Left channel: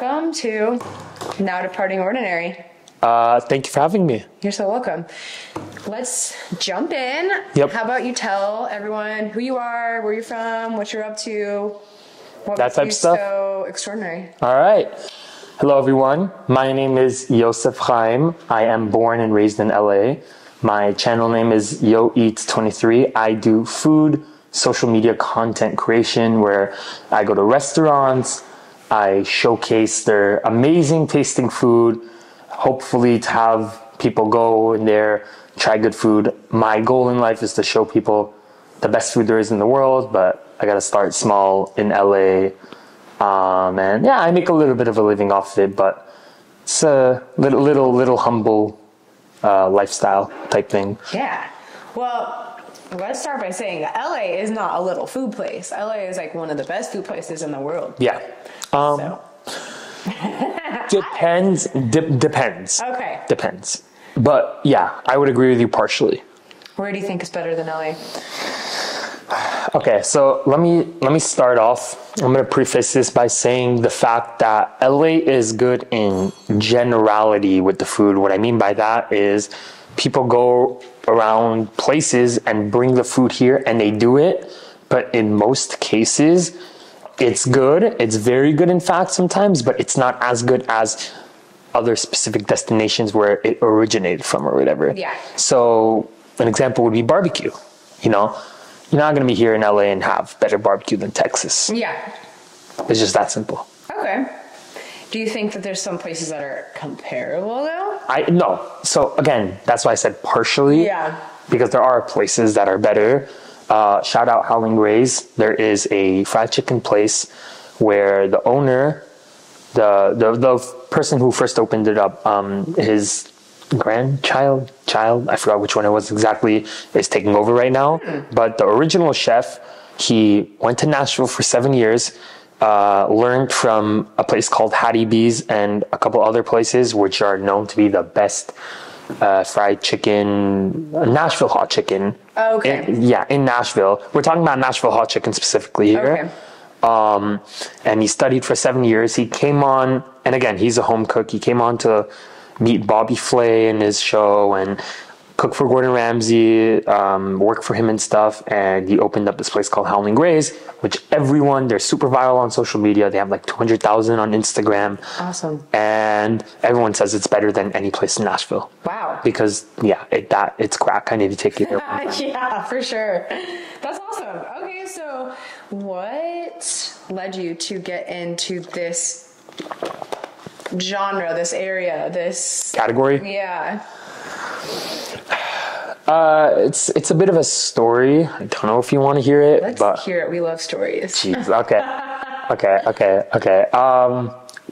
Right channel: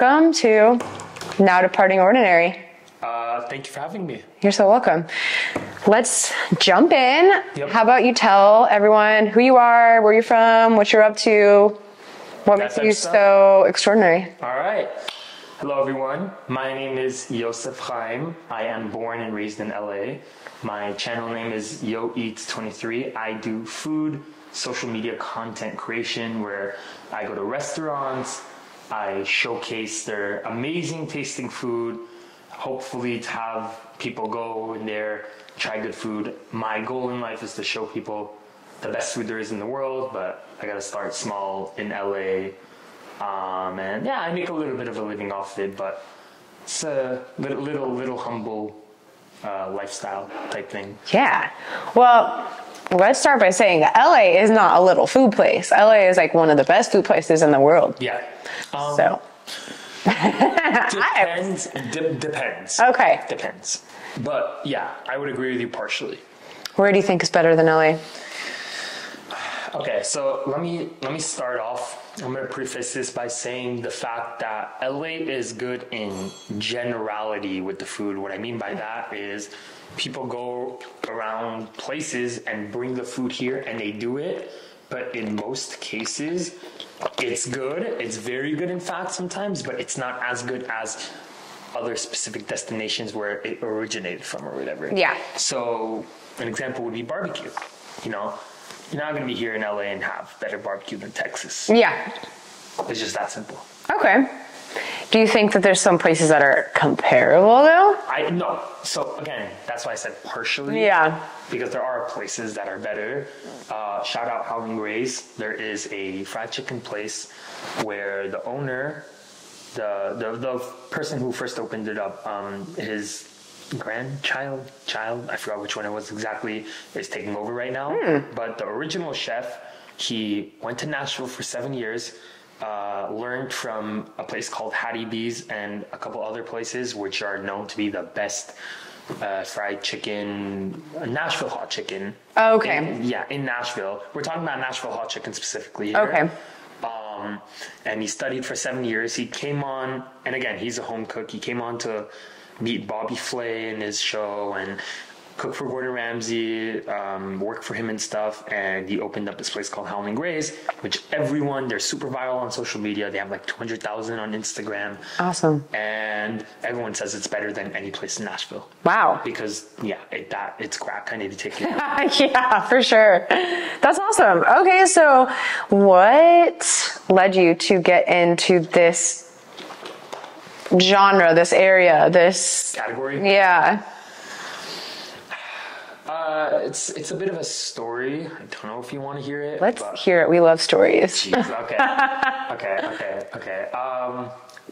welcome to Now Departing Ordinary. Thank you for having me. You're so welcome. Let's jump in. Yep. How about you tell everyone who you are, where you're from, what you're up to, what makes you so extraordinary? All right. Hello, everyone. My name is Yosef. I am born and raised in LA. My channel name is YoEats23. I do food, social media content creation where I go to restaurants, I showcase their amazing tasting food, hopefully to have people go in there, try good food. My goal in life is to show people the best food there is in the world, but I gotta start small in LA. And yeah, I make a little bit of a living off of it, but it's a little humble lifestyle type thing. Yeah. Well, let's start by saying that LA is not a little food place. LA is like one of the best food places in the world. Yeah. So. Depends. Okay. Depends. But yeah, I would agree with you partially. Where do you think is better than LA? Okay, so let me start off. I'm going to preface this by saying the fact that LA is good in generality with the food. What I mean by that is people go around places and bring the food here and they do it, but in most cases it's good. It's very good, in fact, sometimes, but it's not as good as other specific destinations where it originated from or whatever. Yeah. So an example would be barbecue. You know, you're not going to be here in LA and have better barbecue than Texas. Yeah. It's just that simple. Okay. Do you think that there's some places that are comparable though? No. So again, that's why I said partially. Yeah. Because there are places that are better. Shout out Howling Grays. There is a fried chicken place where the owner, the person who first opened it up, his grandchild, I forgot which one it was exactly, is taking over right now. But the original chef, he went to Nashville for 7 years, learned from a place called Hattie B's and a couple other places which are known to be the best fried chicken, Nashville hot chicken. Oh, okay. In Nashville. We're talking about Nashville hot chicken specifically here. Okay. And he studied for 7 years. He came on, and again, he's a home cook. He came on to meet Bobby Flay in his show and cook for Gordon Ramsay, work for him and stuff. And he opened up this place called Howling Grays, which they're super viral on social media. They have like 200,000 on Instagram. Awesome. And everyone says it's better than any place in Nashville. Wow. Because, it's crack. I need to take you there. Yeah, for sure. That's awesome. Okay, so what led you to get into this genre, this area, this category? Yeah. It's a bit of a story. I don't know if you want to hear it. Let's hear it. We love stories. Jeez, okay.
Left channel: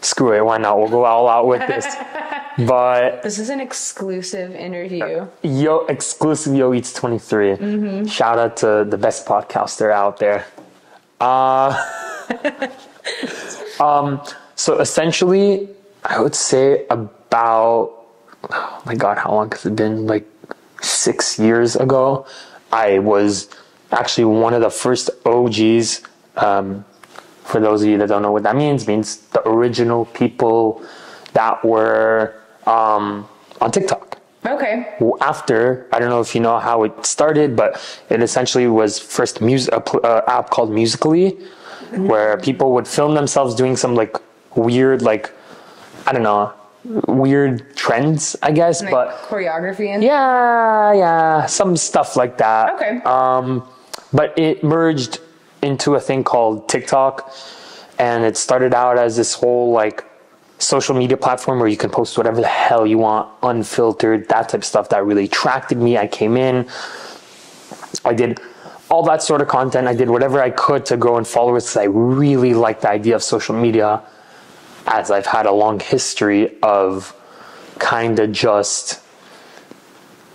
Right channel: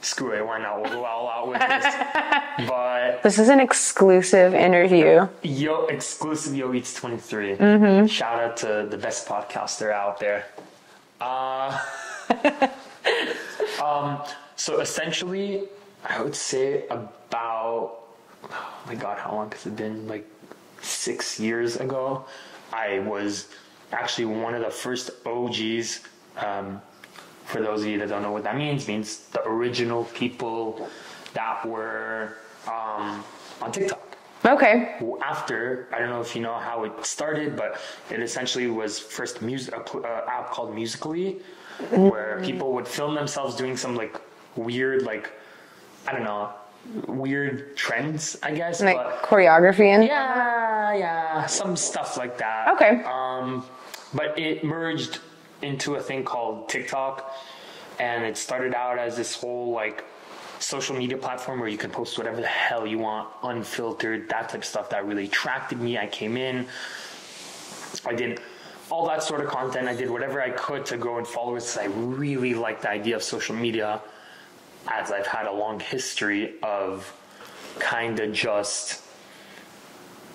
Screw it. Why not? We'll go all out with this. But this is an exclusive interview. Exclusive YoEats23. Mm-hmm. Shout out to the best podcaster out there. So essentially, I would say about, oh my God, how long has it been? Like 6 years ago, I was actually one of the first OGs. For those of you that don't know what that means the original people that were on TikTok. Okay. After, I don't know if you know how it started, but it essentially was first app called Musical.ly, where people would film themselves doing some like weird, like, I don't know, weird trends, I guess, like but choreography and some stuff like that. Okay. But it merged into a thing called TikTok, and it started out as this whole like social media platform where you can post whatever the hell you want, unfiltered, that type of stuff that really attracted me. I came in, I did all that sort of content. I did whatever I could to grow in followers because I really liked the idea of social media, as I've had a long history of kind of just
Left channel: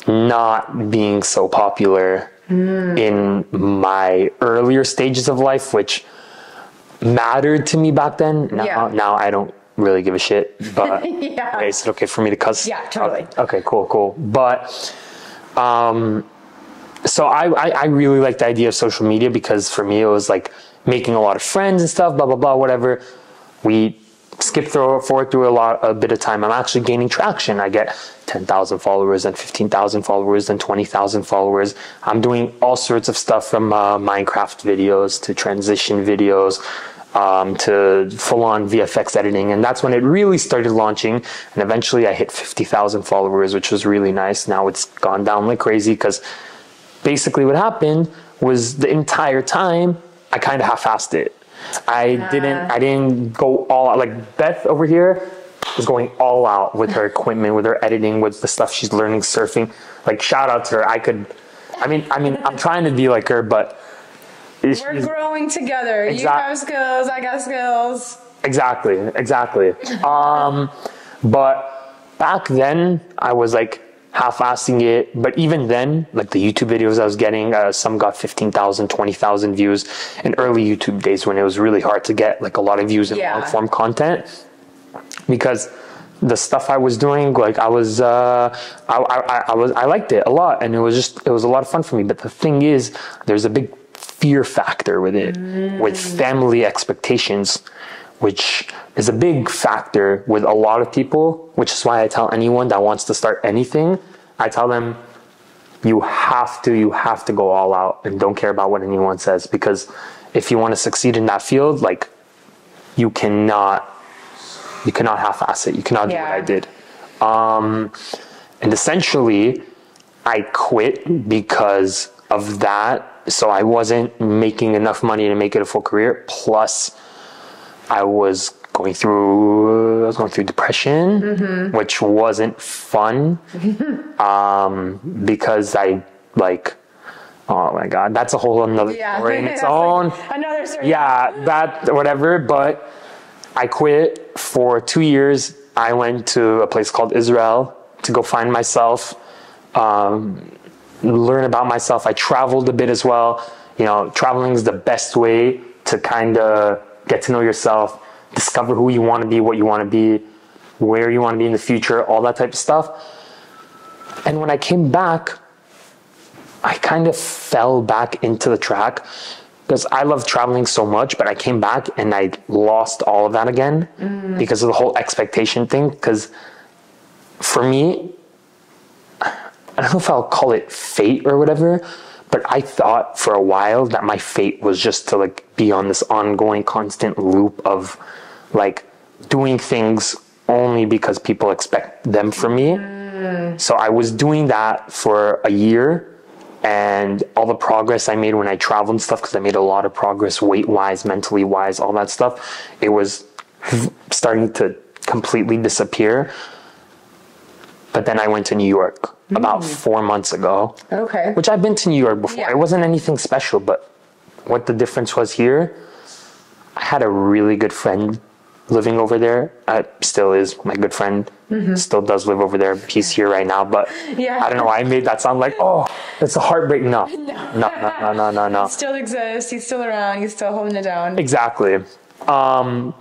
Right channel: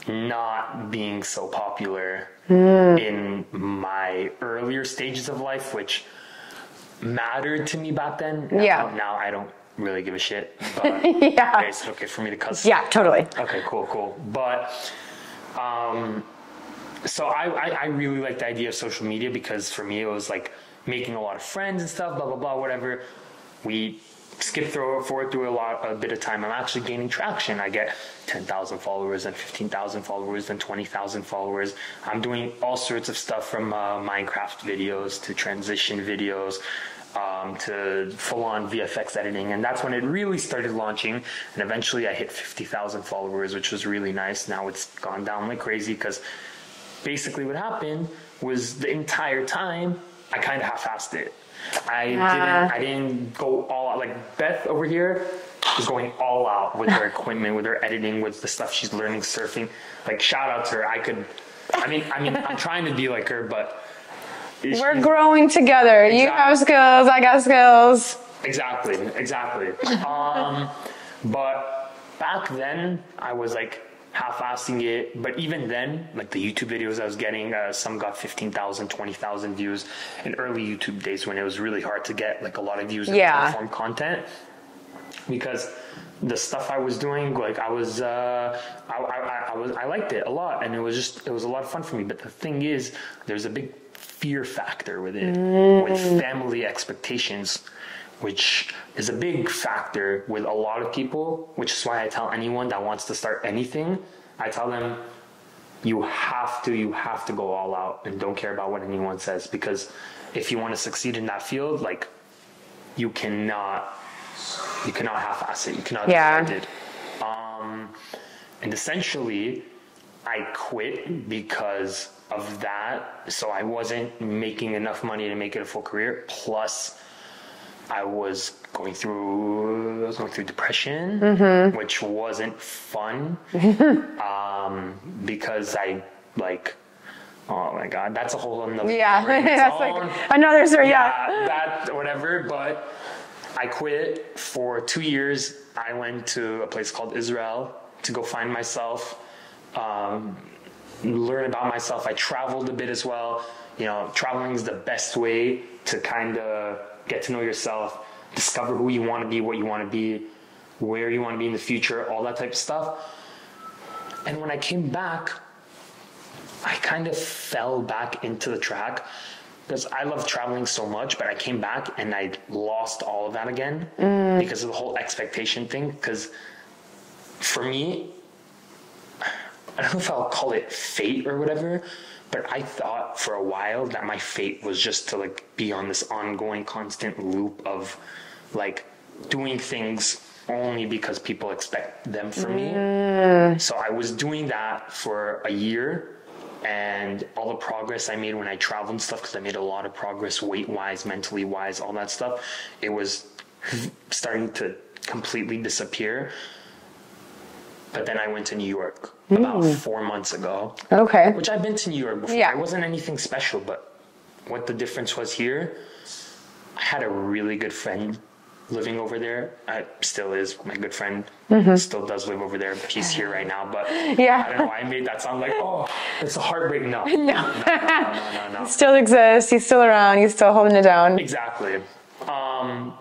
not being so popular in my earlier stages of life, which mattered to me back then. Now I don't really give a shit, but is it okay for me to cuss? Yeah, totally. Okay, cool. But so I really like the idea of social media because for me it was like making a lot of friends and stuff, blah blah blah, whatever. We forward through a bit of time, I'm actually gaining traction. I get 10,000 followers and 15,000 followers and 20,000 followers. I'm doing all sorts of stuff from Minecraft videos to transition videos to full-on VFX editing. And that's when it really started launching. And eventually I hit 50,000 followers, which was really nice. Now it's gone down like crazy because basically what happened was the entire time I kind of half-assed it. I didn't go all out. Like Beth over here is going all out with her equipment, with her editing, with the stuff she's learning, surfing. Like, shout out to her. I'm trying to be like her, but we're growing together. You have skills, I got skills. Exactly. But back then I was like half-assing it, but even then, like the YouTube videos I was getting, some got 15,000, 20,000 views in early YouTube days when it was really hard to get like a lot of views in long form content, because the stuff I was doing, like I liked it a lot, and it was a lot of fun for me. But the thing is, there's a big fear factor with it, with family expectations, which is a big factor with a lot of people, which is why I tell anyone that wants to start anything, I tell them, you have to go all out and don't care about what anyone says, because if you want to succeed in that field, like you cannot half-ass it. You cannot do what I did. And essentially I quit because of that. So I wasn't making enough money to make it a full career. Plus I was going through depression, which wasn't fun, because I like, oh my God, that's a whole another story in its own. Like another story. Yeah, that, whatever. But I quit for 2 years. I went to a place called Israel to go find myself, learn about myself. I traveled a bit as well. You know, traveling is the best way to kind of get to know yourself, discover who you want to be, what you want to be, where you want to be in the future, all that type of stuff. And when I came back, I kind of fell back into the track because I love traveling so much, but I came back and I lost all of that again because of the whole expectation thing. Because for me, I don't know if I'll call it fate or whatever, but I thought for a while that my fate was just to like be on this ongoing constant loop of like doing things only because people expect them from me. So I was doing that for a year, and all the progress I made when I traveled and stuff, because I made a lot of progress weight-wise, mentally-wise, all that stuff, it was starting to completely disappear. But then I went to New York about 4 months ago. Okay. Which I've been to New York before. Yeah. It wasn't anything special, but what the difference was here, I had a really good friend living over there. Still is my good friend. Still does live over there. He's here right now, but I don't know why I made that sound like, oh, it's a heartbreak. No. No. He still exists. He's still around. He's still holding it down. Exactly.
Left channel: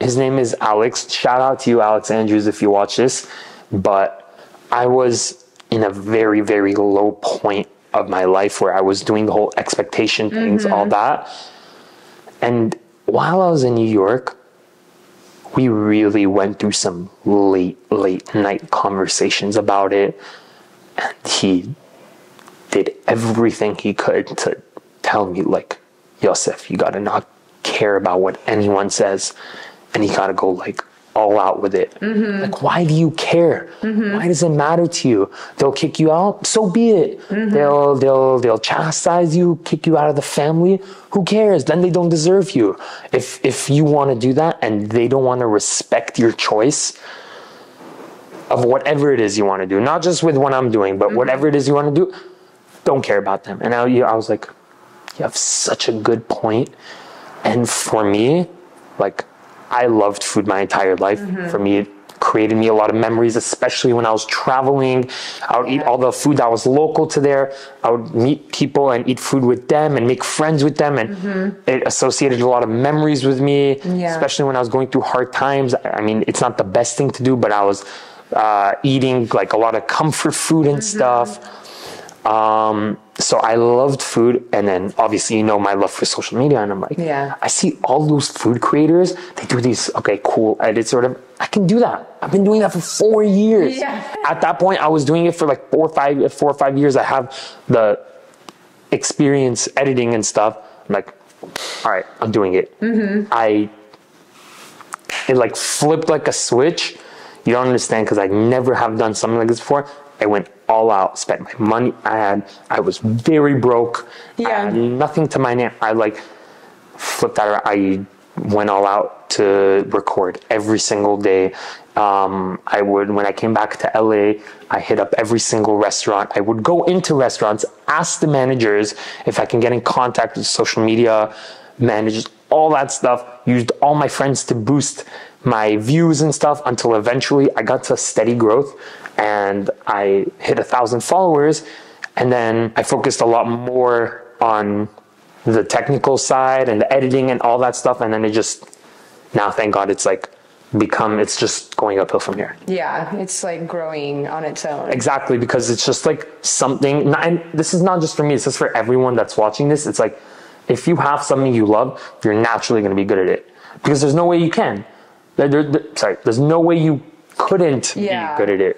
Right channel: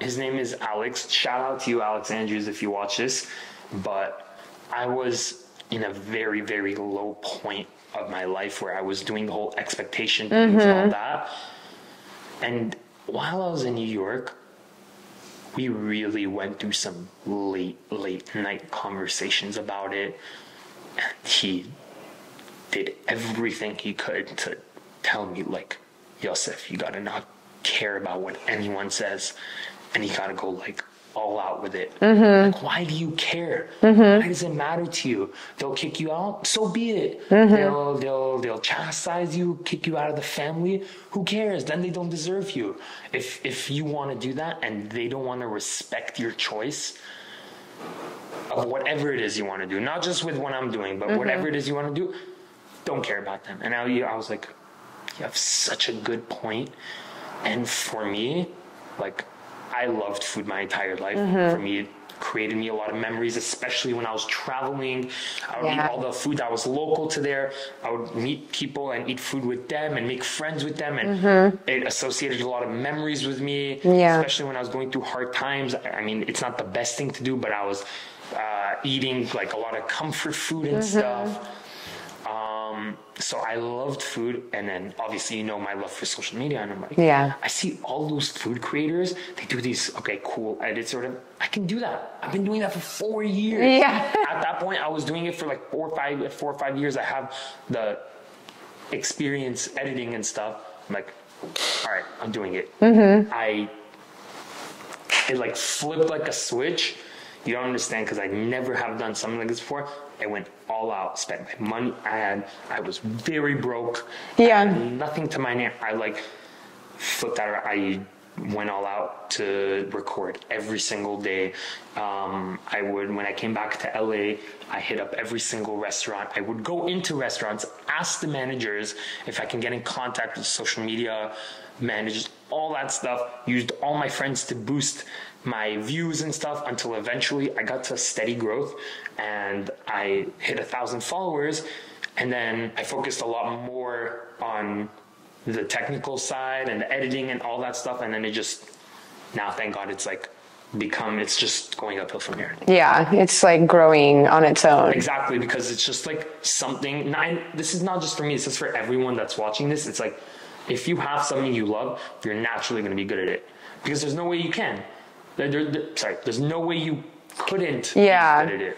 His name is Alex. Shout out to you, Alex Andrews, if you watch this. But I was in a very, very low point of my life where I was doing the whole expectation things, all that. And while I was in New York, we really went through some late night conversations about it. And he did everything he could to tell me, like, Yosef, you gotta not care about what anyone says, and you gotta go like all out with it. Like, why do you care? Why does it matter to you? They'll kick you out, so be it. They'll chastise you, kick you out of the family. Who cares? Then they don't deserve you. If you want to do that and they don't want to respect your choice of whatever it is you want to do, not just with what I'm doing, but whatever it is you want to do, don't care about them. And I was like, you have such a good point. And for me, like, I loved food my entire life. For me, it created me a lot of memories, especially when I was traveling. I would eat all the food that was local to there. I would meet people and eat food with them and make friends with them. And it associated a lot of memories with me, especially when I was going through hard times. I mean, it's not the best thing to do, but I was eating like a lot of comfort food and stuff. So I loved food, and then obviously you know my love for social media, and I'm like, I see all those food creators, they do these cool edits sort of. I can do that. I've been doing that for 4 years. Yeah. At that point, I was doing it for like 4 or 5 years. I have the experience editing and stuff. I'm like, all right, I'm doing it. It like flipped like a switch. You don't understand, because I never have done something like this before. I went all out, spent my money. I was very broke. I had nothing to my name. I like flipped out. I went all out to record every single day. When I came back to LA, I hit up every single restaurant. I would go into restaurants, ask the managers if I can get in contact with social media managers, all that stuff. Used all my friends to boost my views and stuff, until eventually I got to steady growth and I hit 1,000 followers. And then I focused a lot more on the technical side and the editing and all that stuff. And then it just, now thank God, it's like it's just going uphill from here. Yeah, it's like growing on its own. Exactly, because it's just like something, and this is not just for me, it's just for everyone that's watching this. It's like, if you have something you love, you're naturally going to be good at it, because there's no way you can. There's no way you couldn't be good at it.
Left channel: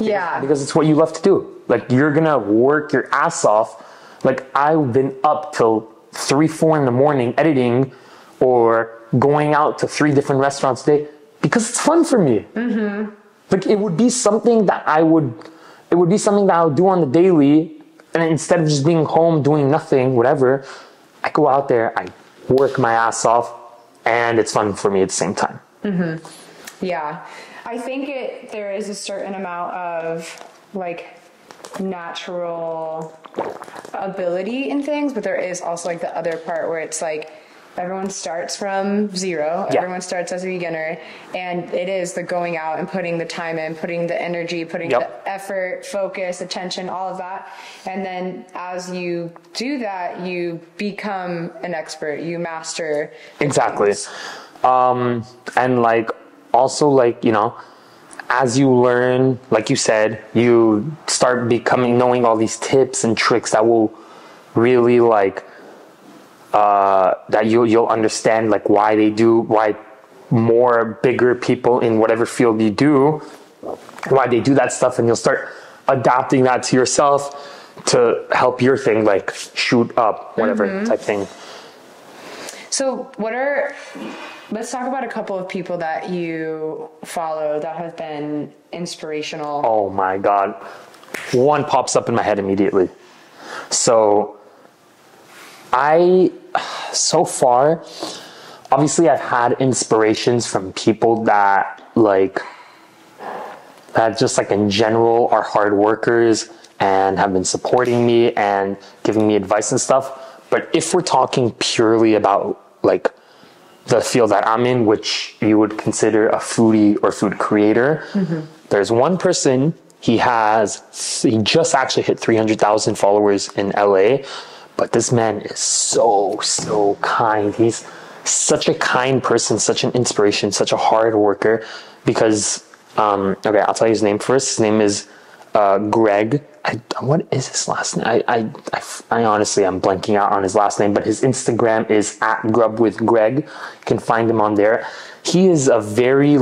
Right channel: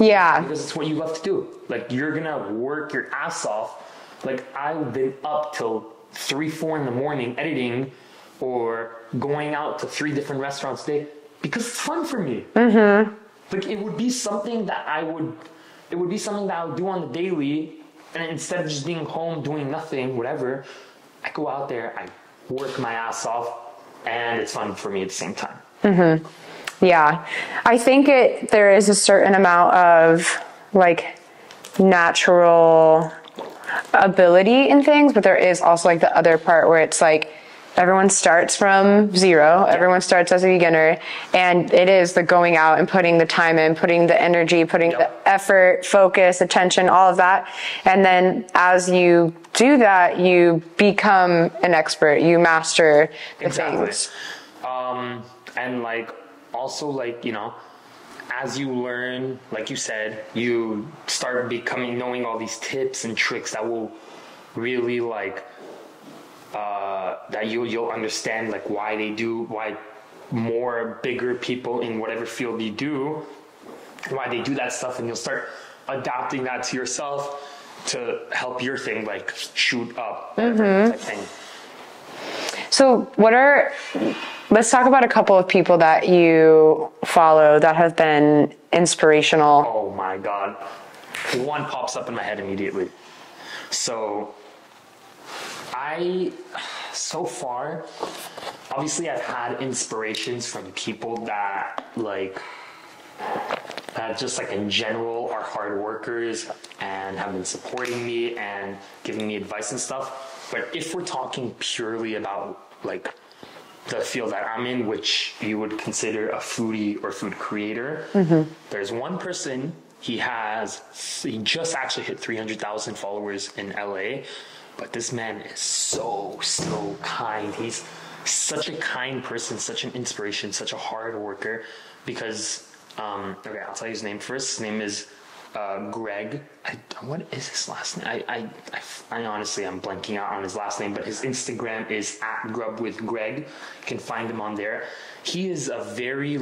Yeah. Because it's what you love to do. Like, you're going to work your ass off. Like, I've been up till 3, 4 in the morning editing, or going out to 3 different restaurants a day, because it's fun for me. Like, it would be something that I would do on the daily, and instead of just being home doing nothing, whatever, I go out there, I work my ass off, and it's fun for me at the same time. Yeah. I think there is a certain amount of like natural ability in things, but there is also like the other part where it's like everyone starts from zero. Yeah. Everyone starts as a beginner, and it is the going out and putting the time in, putting the energy, putting the effort, focus, attention, all of that. And then as you do that, you become an expert. You master things. And like, also, like, you know, as you learn, like you said, you start knowing all these tips and tricks that will really like, that you'll understand like why more bigger people in whatever field you do, why they do that stuff, and you'll start adapting that to yourself to help your thing like shoot up, whatever type thing. So let's talk about a couple of people that you follow that have been inspirational. Oh my God. One pops up in my head immediately. So so far, obviously I've had inspirations from people that just like in general are hard workers and have been supporting me and giving me advice and stuff. But if we're talking purely about like the field that I'm in, which you would consider a foodie or food creator, there's one person, he just actually hit 300,000 followers in LA. But this man is so kind. He's such a kind person, such an inspiration, such a hard worker. Because, I'll tell you his name first. His name is Greg. What is his last name? I honestly, I'm blanking out on his last name. But his Instagram is @grubwithgreg. You can find him on there. He is a very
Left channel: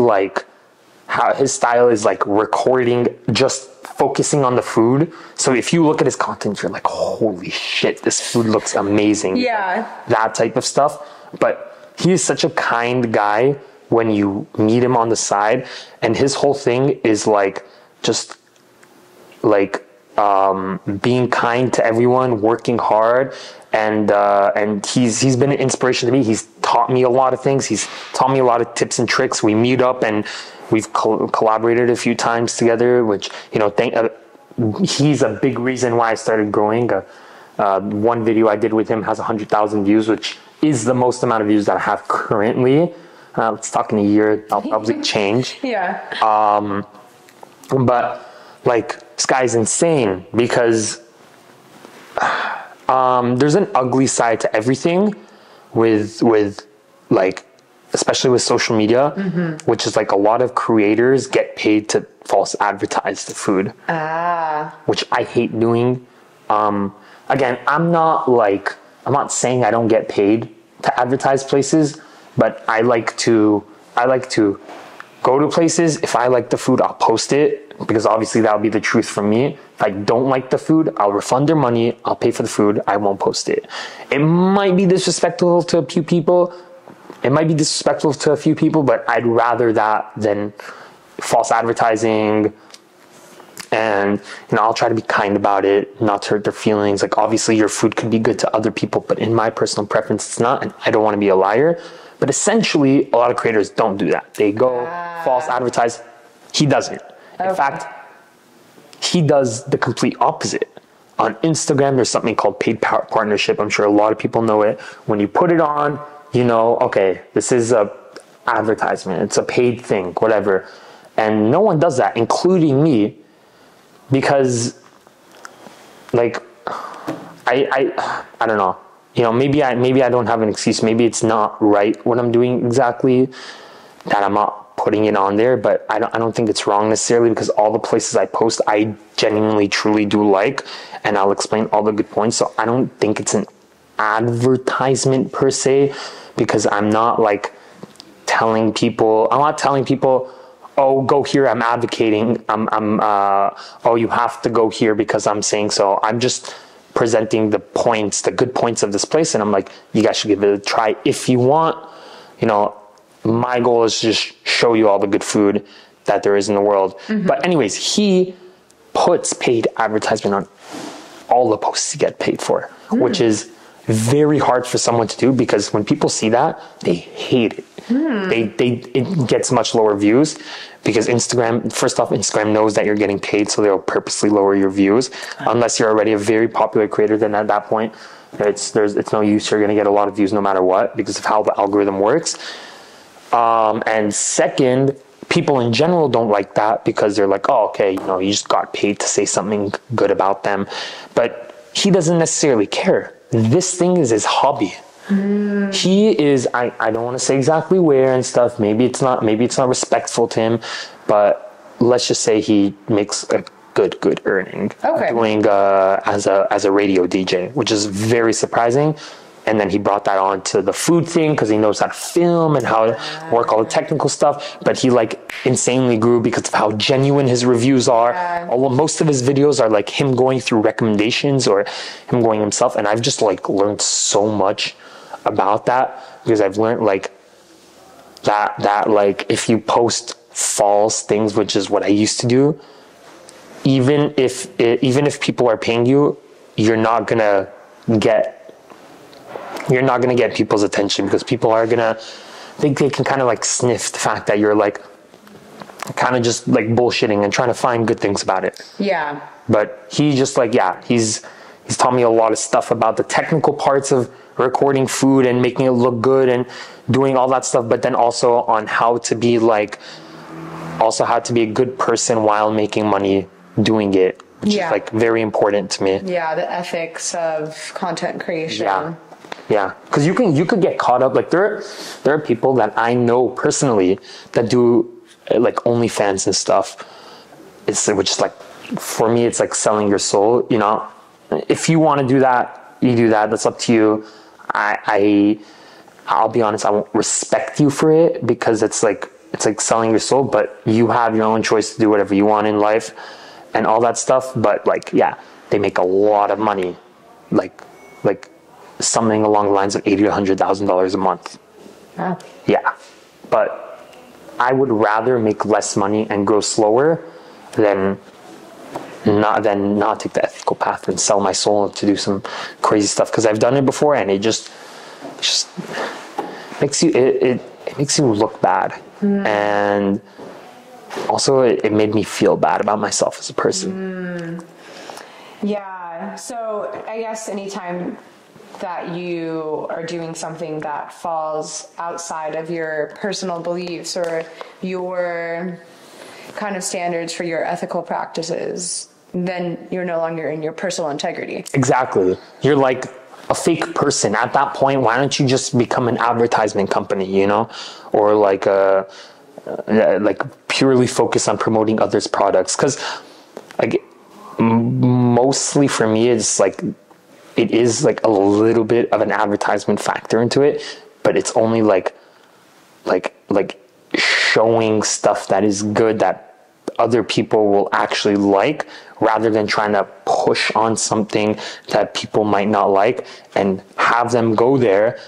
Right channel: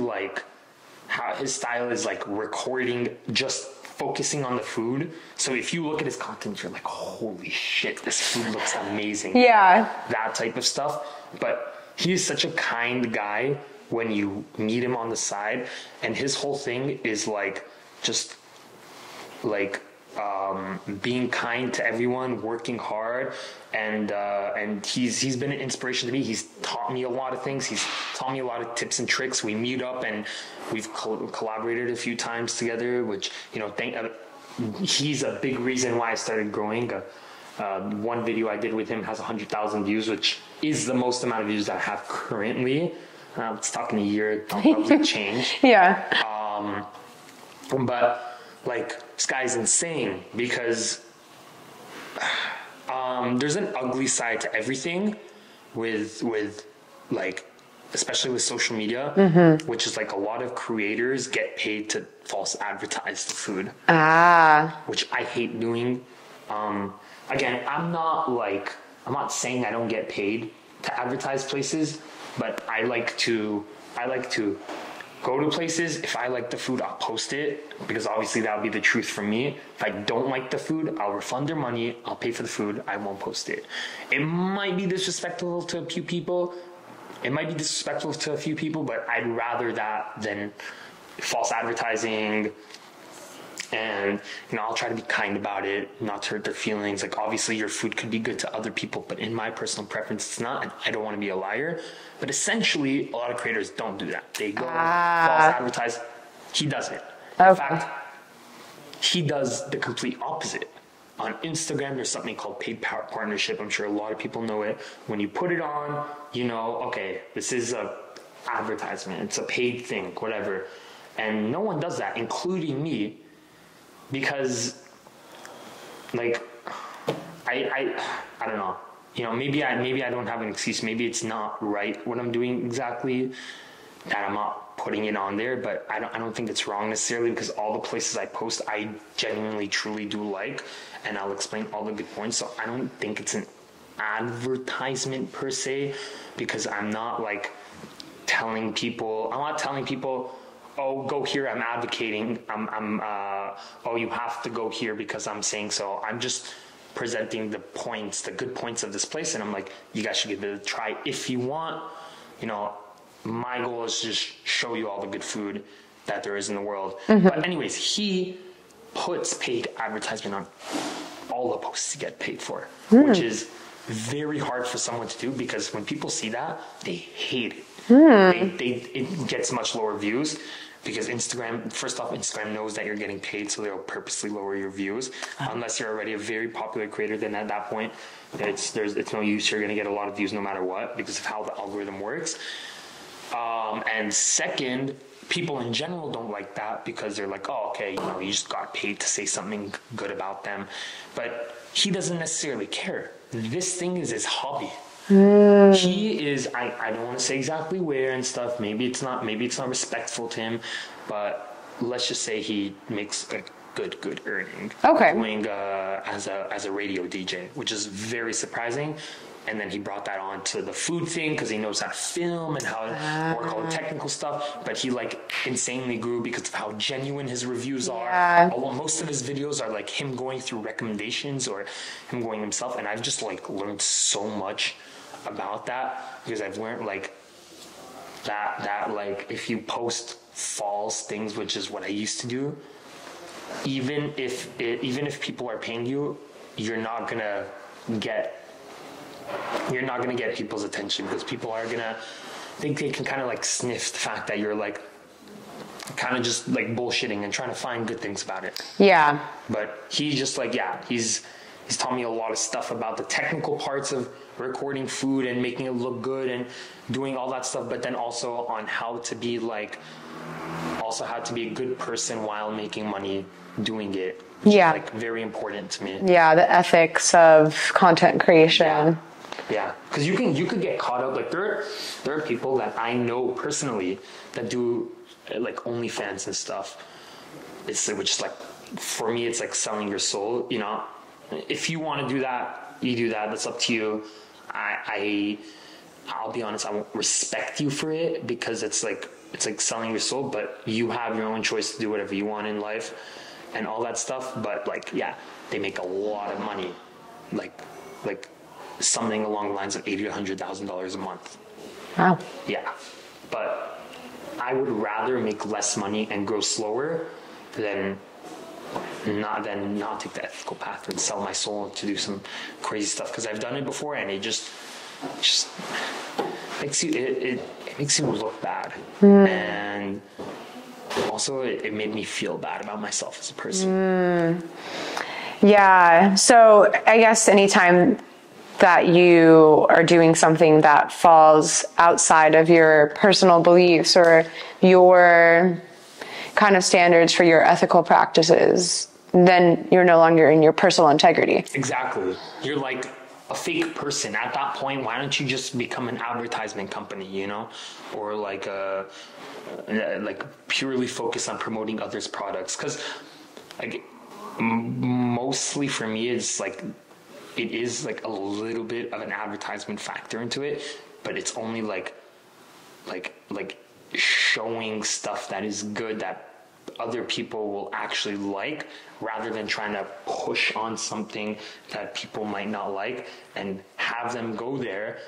his style is like recording, just focusing on the food. So if you look at his content, you're like, holy shit, this food looks amazing. Yeah. That type of stuff. But he is such a kind guy when you meet him on the side. And his whole thing is like, just like being kind to everyone, working hard. And he's been an inspiration to me. He's taught me a lot of things. He's taught me a lot of tips and tricks. We meet up and we've collaborated a few times together, which, you know, he's a big reason why I started growing. One video I did with him has 100,000 views, which is the most amount of views that I have currently. Let's talk in a year, I'll probably change. Yeah. But like, this guy's insane because there's an ugly side to everything with like especially with social media, which is like a lot of creators get paid to false advertise the food. Which I hate doing. Again, I'm not saying I don't get paid to advertise places, but I like to go to places. If I like the food, I'll post it, because obviously that'll be the truth from me. If I don't like the food, I'll refund their money. I'll pay for the food. I won't post it. It might be disrespectful to a few people. But I'd rather that than false advertising. And, I'll try to be kind about it, not to hurt their feelings. Like, obviously your food could be good to other people, but in my personal preference, it's not. And I don't want to be a liar. But essentially, a lot of creators don't do that. They go false advertise. He doesn't. In fact, he does the complete opposite. On Instagram, there's something called paid partnership. I'm sure a lot of people know it. When you put it on, okay, this is a advertisement. It's a paid thing, whatever. And no one does that, including me, because, like, I don't know. Maybe I don't have an excuse. Maybe it's not right what I'm doing exactly, that I'm not putting it on there. But I don't think it's wrong necessarily, because all the places I post, I genuinely, truly do like, and I'll explain all the good points. So I don't think it's an advertisement per se, because I'm not telling people, oh, go here, I'm advocating, oh, you have to go here because I'm saying so. I'm just presenting the good points of this place, and I'm like, you guys should give it a try if you want. My goal is to just show you all the good food that there is in the world. But anyways, he puts paid advertisement on all the posts he get paid for, which is very hard for someone to do, because when people see that, they hate it. It gets much lower views, because Instagram knows that you're getting paid, so they'll purposely lower your views, unless you're already a very popular creator. Then at that point, it's no use. You're going to get a lot of views no matter what, because of how the algorithm works. And second, people in general don't like that, because they're like, oh, okay, you just got paid to say something good about them. But he doesn't necessarily care. This thing is his hobby. He is, I don't want to say exactly where and stuff. Maybe it's not respectful to him, but let's just say he makes a good earning doing as a radio DJ, which is very surprising. And then he brought that on to the food thing, because he knows how to film and how to work all the technical stuff. But he insanely grew because of how genuine his reviews are. Most of his videos are him going through recommendations or him going himself. And I've just learned so much about that, because I've learned that if you post false things, which is what I used to do, even if people are paying you, you're not gonna get people's attention, because people are gonna think they can kind of sniff the fact that you're kind of just bullshitting and trying to find good things about it. Yeah. But he just he's taught me a lot of stuff about the technical parts of recording food and making it look good and doing all that stuff, but then also on how to be a good person while making money doing it, which is very important to me. Yeah, the ethics of content creation. Yeah, because you could get caught up. There are people that I know personally that do OnlyFans and stuff. Which is for me, it's selling your soul. If you want to do that, you do that. That's up to you. I'll be honest, I won't respect you for it, because it's selling your soul. But you have your own choice to do whatever you want in life and all that stuff. But they make a lot of money, something along the lines of $80,000 to $100,000 a month. Wow. Yeah, but I would rather make less money and grow slower than not take the ethical path and sell my soul to do some crazy stuff, because I've done it before, and it just makes you it makes you look bad. And also it made me feel bad about myself as a person. Yeah, so I guess anytime that you are doing something that falls outside of your personal beliefs or your kind of standards for your ethical practices, then you're no longer in your personal integrity. Exactly. You're a fake person. At that point, why don't you just become an advertisement company, you know? Or like purely focus on promoting others' products. Because like mostly for me, it's like, it is like a little bit of an advertisement factor into it, but it's only like showing stuff that is good that other people will actually like, rather than trying to push on something that people might not like and have them go there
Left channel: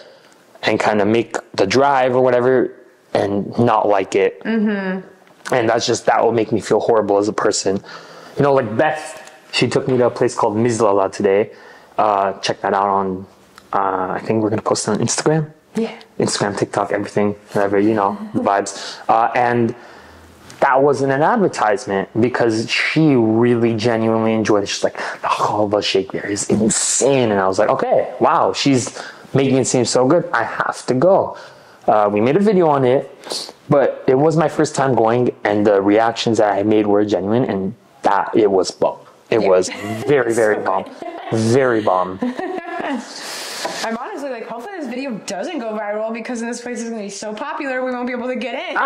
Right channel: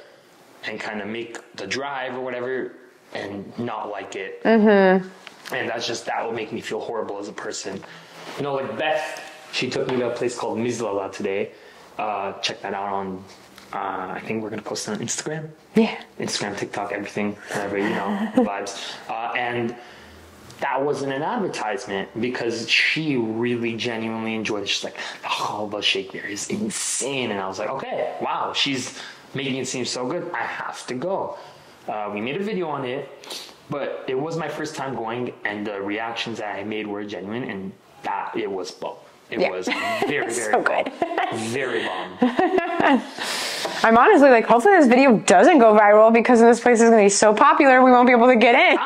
and kind of make the drive or whatever and not like it. And that will make me feel horrible as a person. You know, like Beth, she took me to a place called Mizlala today. Check that out on, I think we're going to post it on Instagram. Yeah. Instagram, TikTok, everything, whatever, you know, the vibes. And that wasn't an advertisement, because she really genuinely enjoyed it. She's like, the halva shake there is insane. And I was like, okay, wow, she's making it seem so good. I have to go. We made a video on it, but it was my first time going, and the reactions that I made were genuine, and that it was bomb. It was very, very so bomb. Very bomb. I'm honestly like, hopefully this video doesn't go viral, because this place is going to be so popular we won't be able to get in.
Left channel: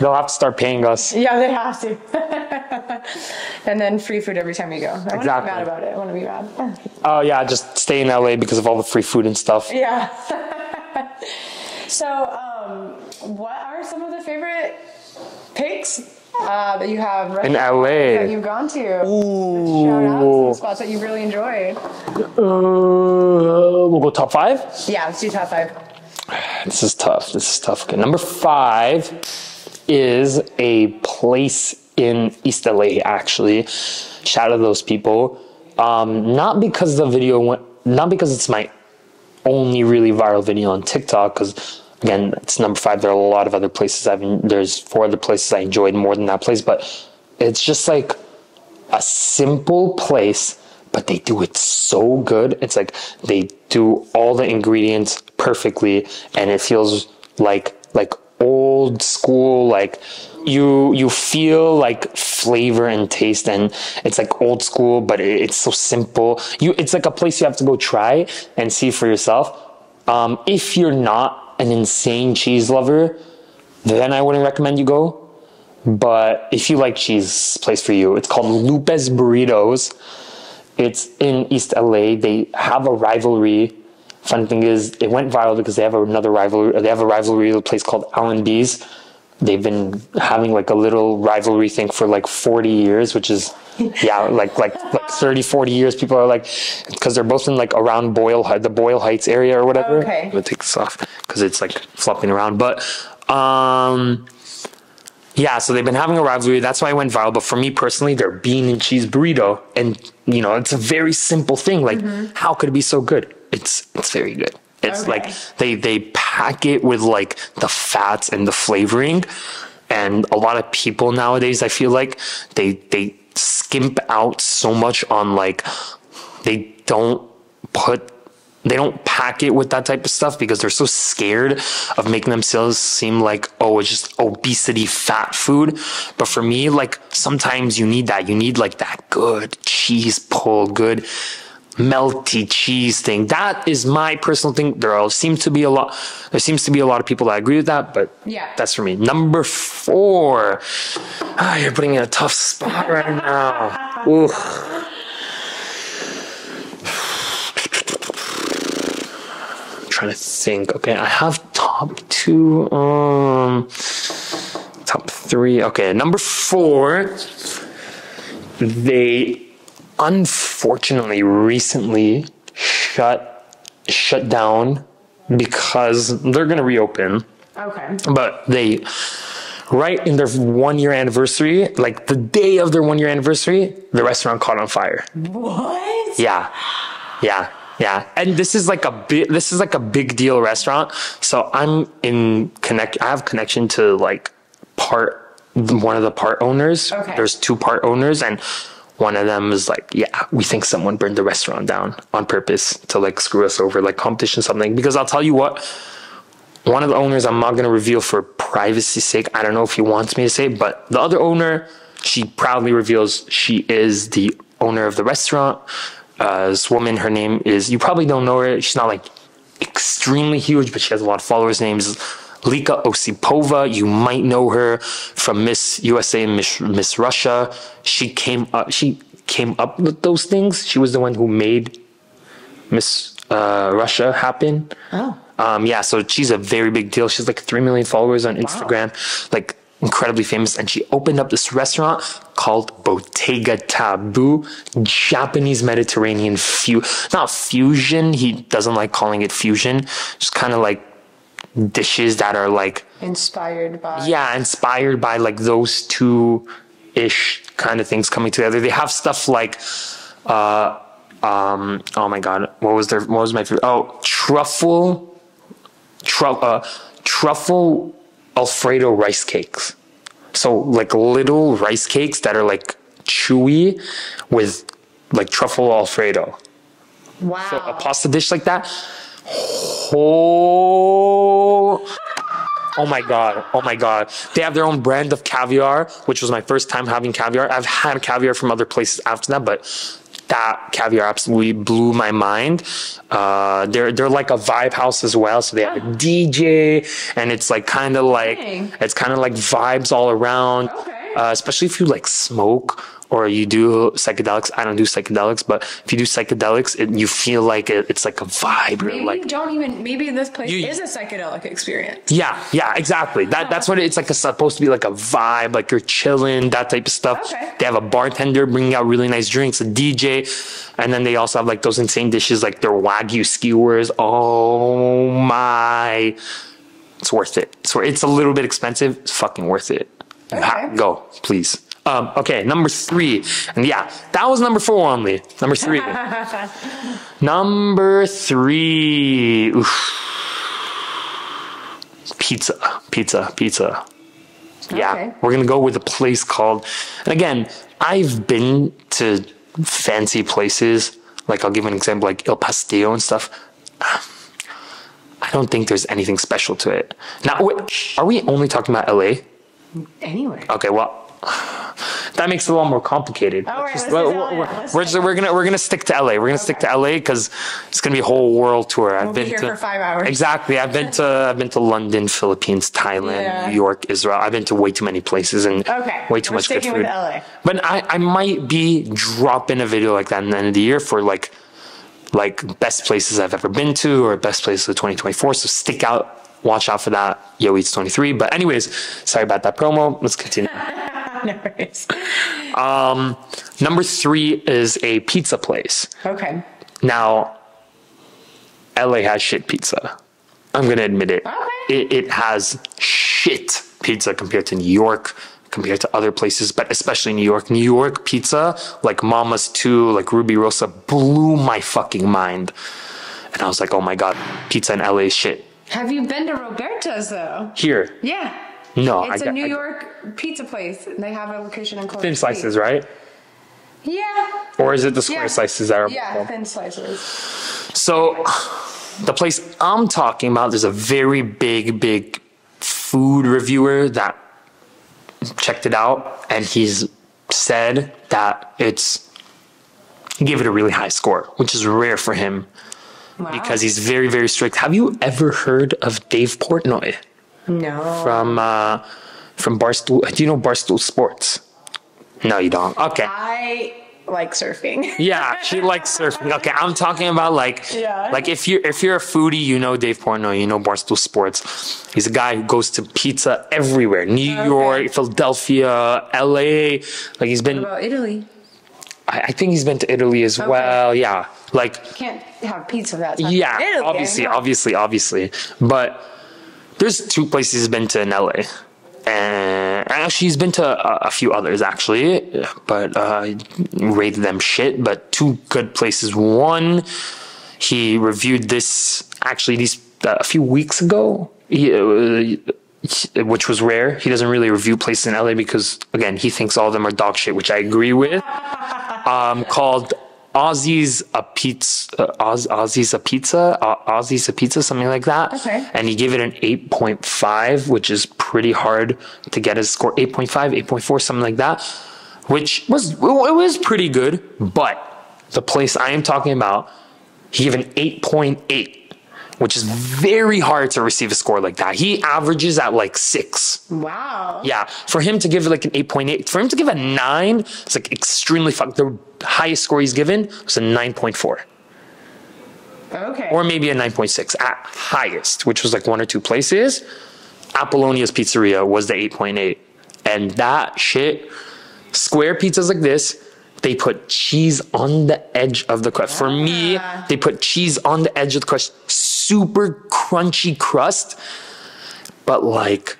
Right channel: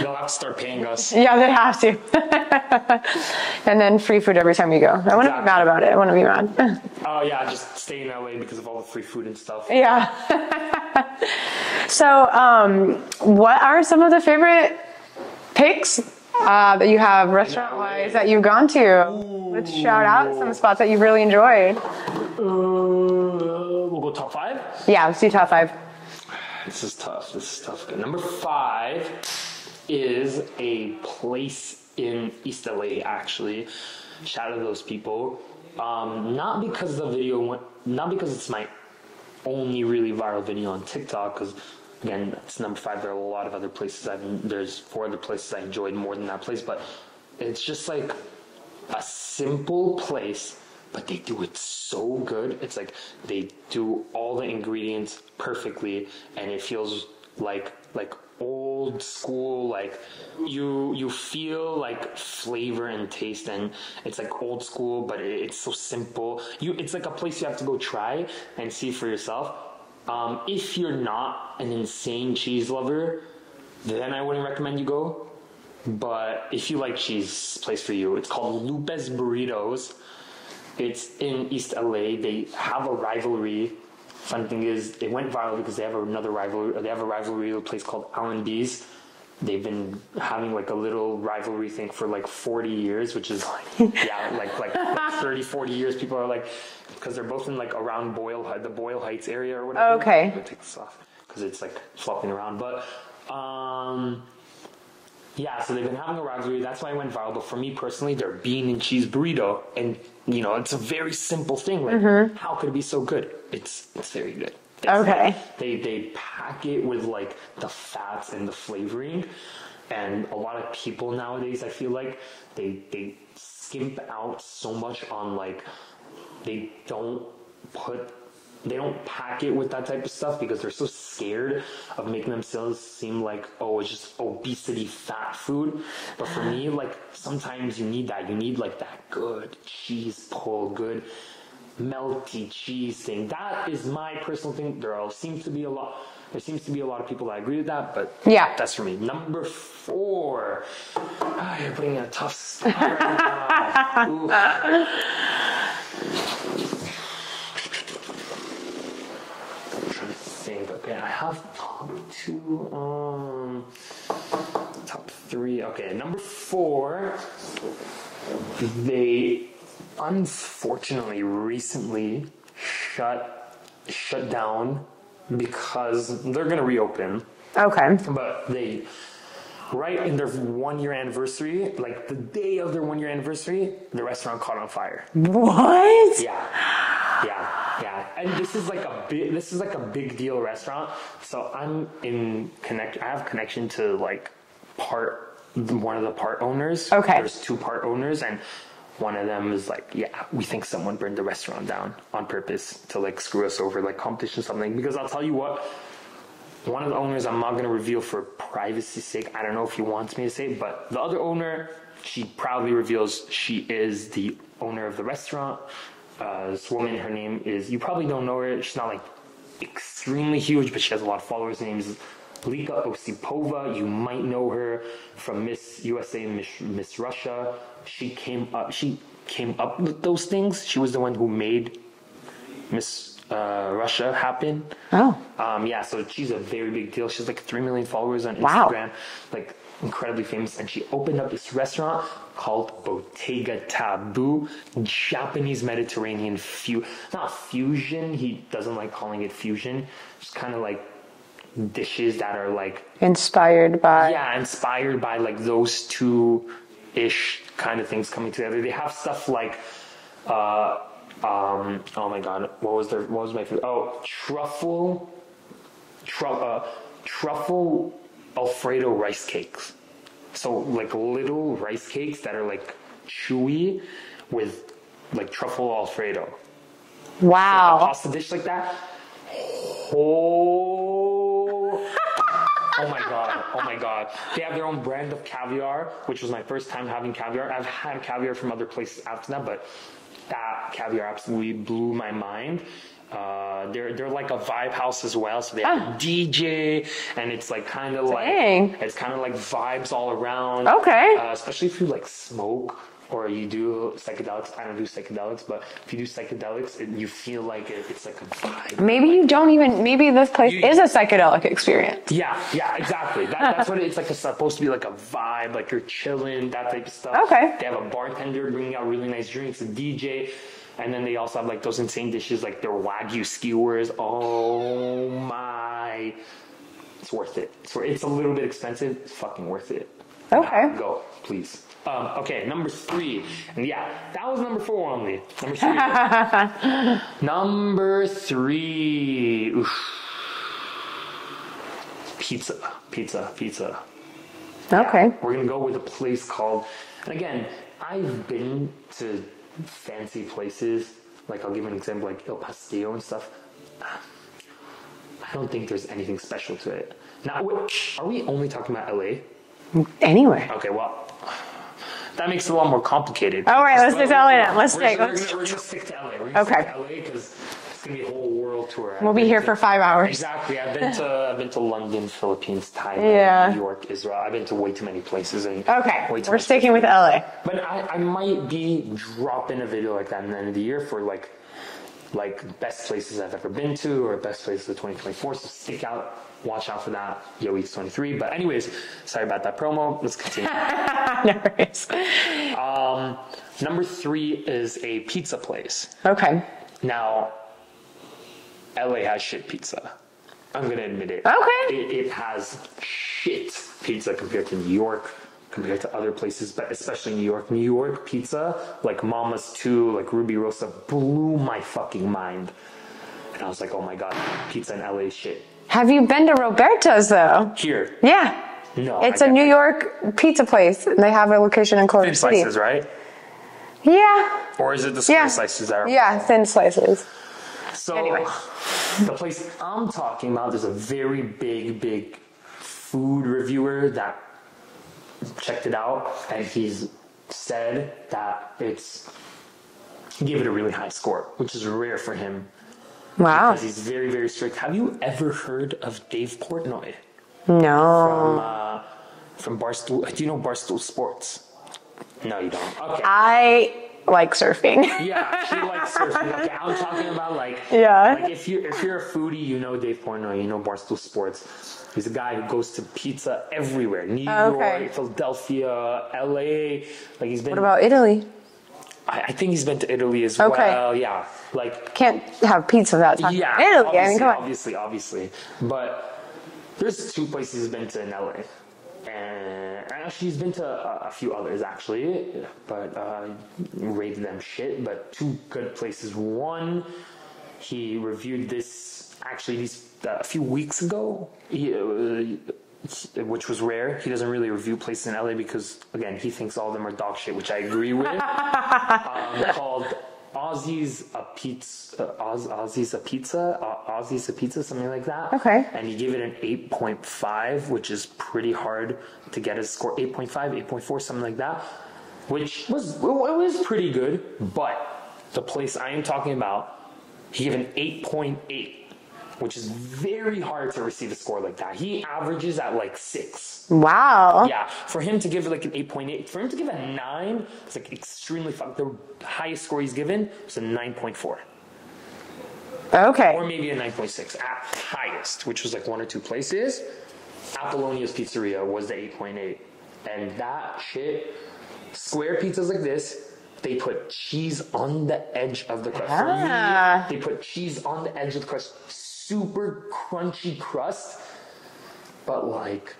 They'll have to start paying us. Yeah, they have to. And then free food every time you go. I want to be mad about it. I want to be mad. Oh yeah, just stay in LA because of all the free food and stuff. Yeah. So, what are some of the favorite picks that you have in LA that you've gone to? Let's shout out some spots that you really enjoyed. We'll go top 5? Yeah, let's do top 5. This is tough. Okay, number 5 is a place in East LA, actually. Shout out to those people. Not because it's my only really viral video on TikTok, because again, it's number 5. There are a lot of other places there's 4 other places I enjoyed more than that place, but it's just like a simple place, but they do it so good. It's like they do all the ingredients perfectly, and it feels like old school, like you feel like flavor and taste, and it's like old school, but it's so simple. It's like a place you have to go try and see for yourself. If you're not an insane cheese lover, then I wouldn't recommend you go. But if you like cheese, it's a place for you. It's called Lupe's Burritos. It's in East LA. They have a rivalry. Fun thing is, it went viral because they have another rivalry. They have a rivalry with a place called Aalona. They've been having like a little rivalry thing for like 40 years, which is, yeah, like 30, 40 years. People are like, because they're both in like around the Boyle Heights area or whatever. Okay. I'm gonna take this off because it's like flopping around. But, yeah, so they've been having a rivalry. That's why it went viral. But for me personally, their bean and cheese burrito, and you know, it's a very simple thing. Like, how could it be so good? It's very good. It's like they pack it with like the fats and the flavoring, and a lot of people nowadays, I feel like they skimp out so much on like they don't pack it with that type of stuff because they're so scared of making themselves seem like, oh, it's just obesity fat food. But for me, like sometimes you need that. You need like that good cheese pull, good melty cheese thing. That is my personal thing. There seems to be a lot of people that agree with that, but yeah, that's for me. Number 4. You're putting me in a tough spot right now. Ooh. Trying to think. Okay, I have top 2, top 3. Okay, number 4. They unfortunately recently shut down because they're gonna reopen. Okay. But they, right in their 1-year anniversary, like the day of their 1-year anniversary, the restaurant caught on fire. What? Yeah. And this is like a big deal restaurant. So I have connection to like one of the part owners. Okay. There's 2 part owners, and one of them is like, yeah, we think someone burned the restaurant down on purpose to like screw us over, like competition, something. Because I'll tell you what, one of the owners, I'm not going to reveal for privacy's sake. I don't know if he wants me to say, but the other owner, she proudly reveals she is the owner of the restaurant. This woman, her name is, you probably don't know her. She's not like extremely huge, but she has a lot of followers. Her name is Lika Osipova. You might know her from Miss USA and Miss Russia. She came up with those things. She was the one who made Miss Russia happen. Oh. Yeah, so she's a very big deal. She's like 3 million followers on Instagram. Wow. Like incredibly famous. And she opened up this restaurant called Bottega Taboo, Japanese Mediterranean not fusion. He doesn't like calling it fusion. Just kind of like dishes that are like inspired by like those two-ish kind of things coming together. They have stuff like oh my god, what was my favorite? Oh, truffle Alfredo rice cakes. So like little rice cakes that are like chewy with like truffle Alfredo. Wow. So a pasta dish like that. Oh my god. They have their own brand of caviar, which was my first time having caviar. I've had caviar from other places after that, but that caviar absolutely blew my mind. They're like a vibe house as well, so they have a DJ, and it's like kind of like vibes all around. Okay. Especially if you like smoke or you do psychedelics. I don't do psychedelics, but if you do psychedelics, you feel like it's like a vibe. Maybe like, you don't even. Maybe this place is a psychedelic experience. Yeah, exactly. That's what it's like. It's supposed to be like a vibe, like you're chilling, that type of stuff. Okay. They have a bartender bringing out really nice drinks, a DJ, and then they also have like those insane dishes, like their Wagyu skewers. Oh my! It's worth it. It's a little bit expensive. It's fucking worth it. Okay. Go, please. Okay, number 3. And yeah, that was number 4 only. Number 3. Number 3. Oof. Pizza. Yeah, Okay. we're going to go with a place called, and again, I've been to fancy places. Like, I'll give an example, like Il Pastillo and stuff. I don't think there's anything special to it. Now, are we only talking about LA? Anyway. Okay, well, that makes it a lot more complicated. All right, let's do LA. We're gonna stick to LA. We're gonna stick to LA because it's gonna be a whole world tour. We'll be here for 5 hours. Exactly. I've been to London, Philippines, Thailand, New York, Israel. I've been to way too many places and way too much good food. With LA. But I might be dropping a video like that in the end of the year for like best places I've ever been to or best places of 2024. So stick out. Watch out for that, Yo Eats 23. But anyways, sorry about that promo. Let's continue. No worries. Number 3 is a pizza place. Okay. Now, LA has shit pizza. I'm gonna admit it. Okay. It has shit pizza compared to New York, compared to other places, but especially New York. New York pizza, like Mama's 2, like Ruby Rosa, blew my fucking mind. And I was like, oh my god, pizza in LA is shit. Have you been to Roberto's though? Here? Yeah. No. It's a New York pizza place. And they have a location in Culver Thin City. slices, right? Yeah. Or is it the square slices that are? Yeah, thin slices. So, the place I'm talking about, there's a very big food reviewer that checked it out, and he's said that he gave it a really high score, which is rare for him. Wow. Because he's very, very strict. Have you ever heard of Dave Portnoy? No. From Barstool. Do you know Barstool Sports? No, you don't. Okay. I like surfing. Yeah, she likes surfing. Okay, I'm talking about like if you're a foodie, you know Dave Portnoy, you know Barstool Sports. He's a guy who goes to pizza everywhere. New York, Philadelphia, LA. Like he's been. What about Italy? I think he's been to Italy as well. Yeah, like can't have pizza without talking about Italy. Obviously. But there's 2 places he's been to in LA, and actually he's been to a few others actually, but rated them shit. But 2 good places. One, he reviewed this actually a few weeks ago. Which was rare. He doesn't really review places in LA because, again, he thinks all of them are dog shit, which I agree with. Called Aussie's a Pizza, something like that. Okay. And he gave it an 8.5, which is pretty hard to get a score. 8.5, 8.4, something like that. which was pretty good. But the place I am talking about, he gave an 8.8. Which is very hard to receive a score like that. He averages at like 6. Wow. Yeah. For him to give like an 8.8, for him to give a 9, it's like extremely fun. The highest score he's given was a 9.4. Okay. Or maybe a 9.6 at highest, which was like 1 or 2 places. Apollonia's Pizzeria was the 8.8. And that shit, square pizzas like this, they put cheese on the edge of the crust. For me, they put cheese on the edge of the crust. Super crunchy crust. But like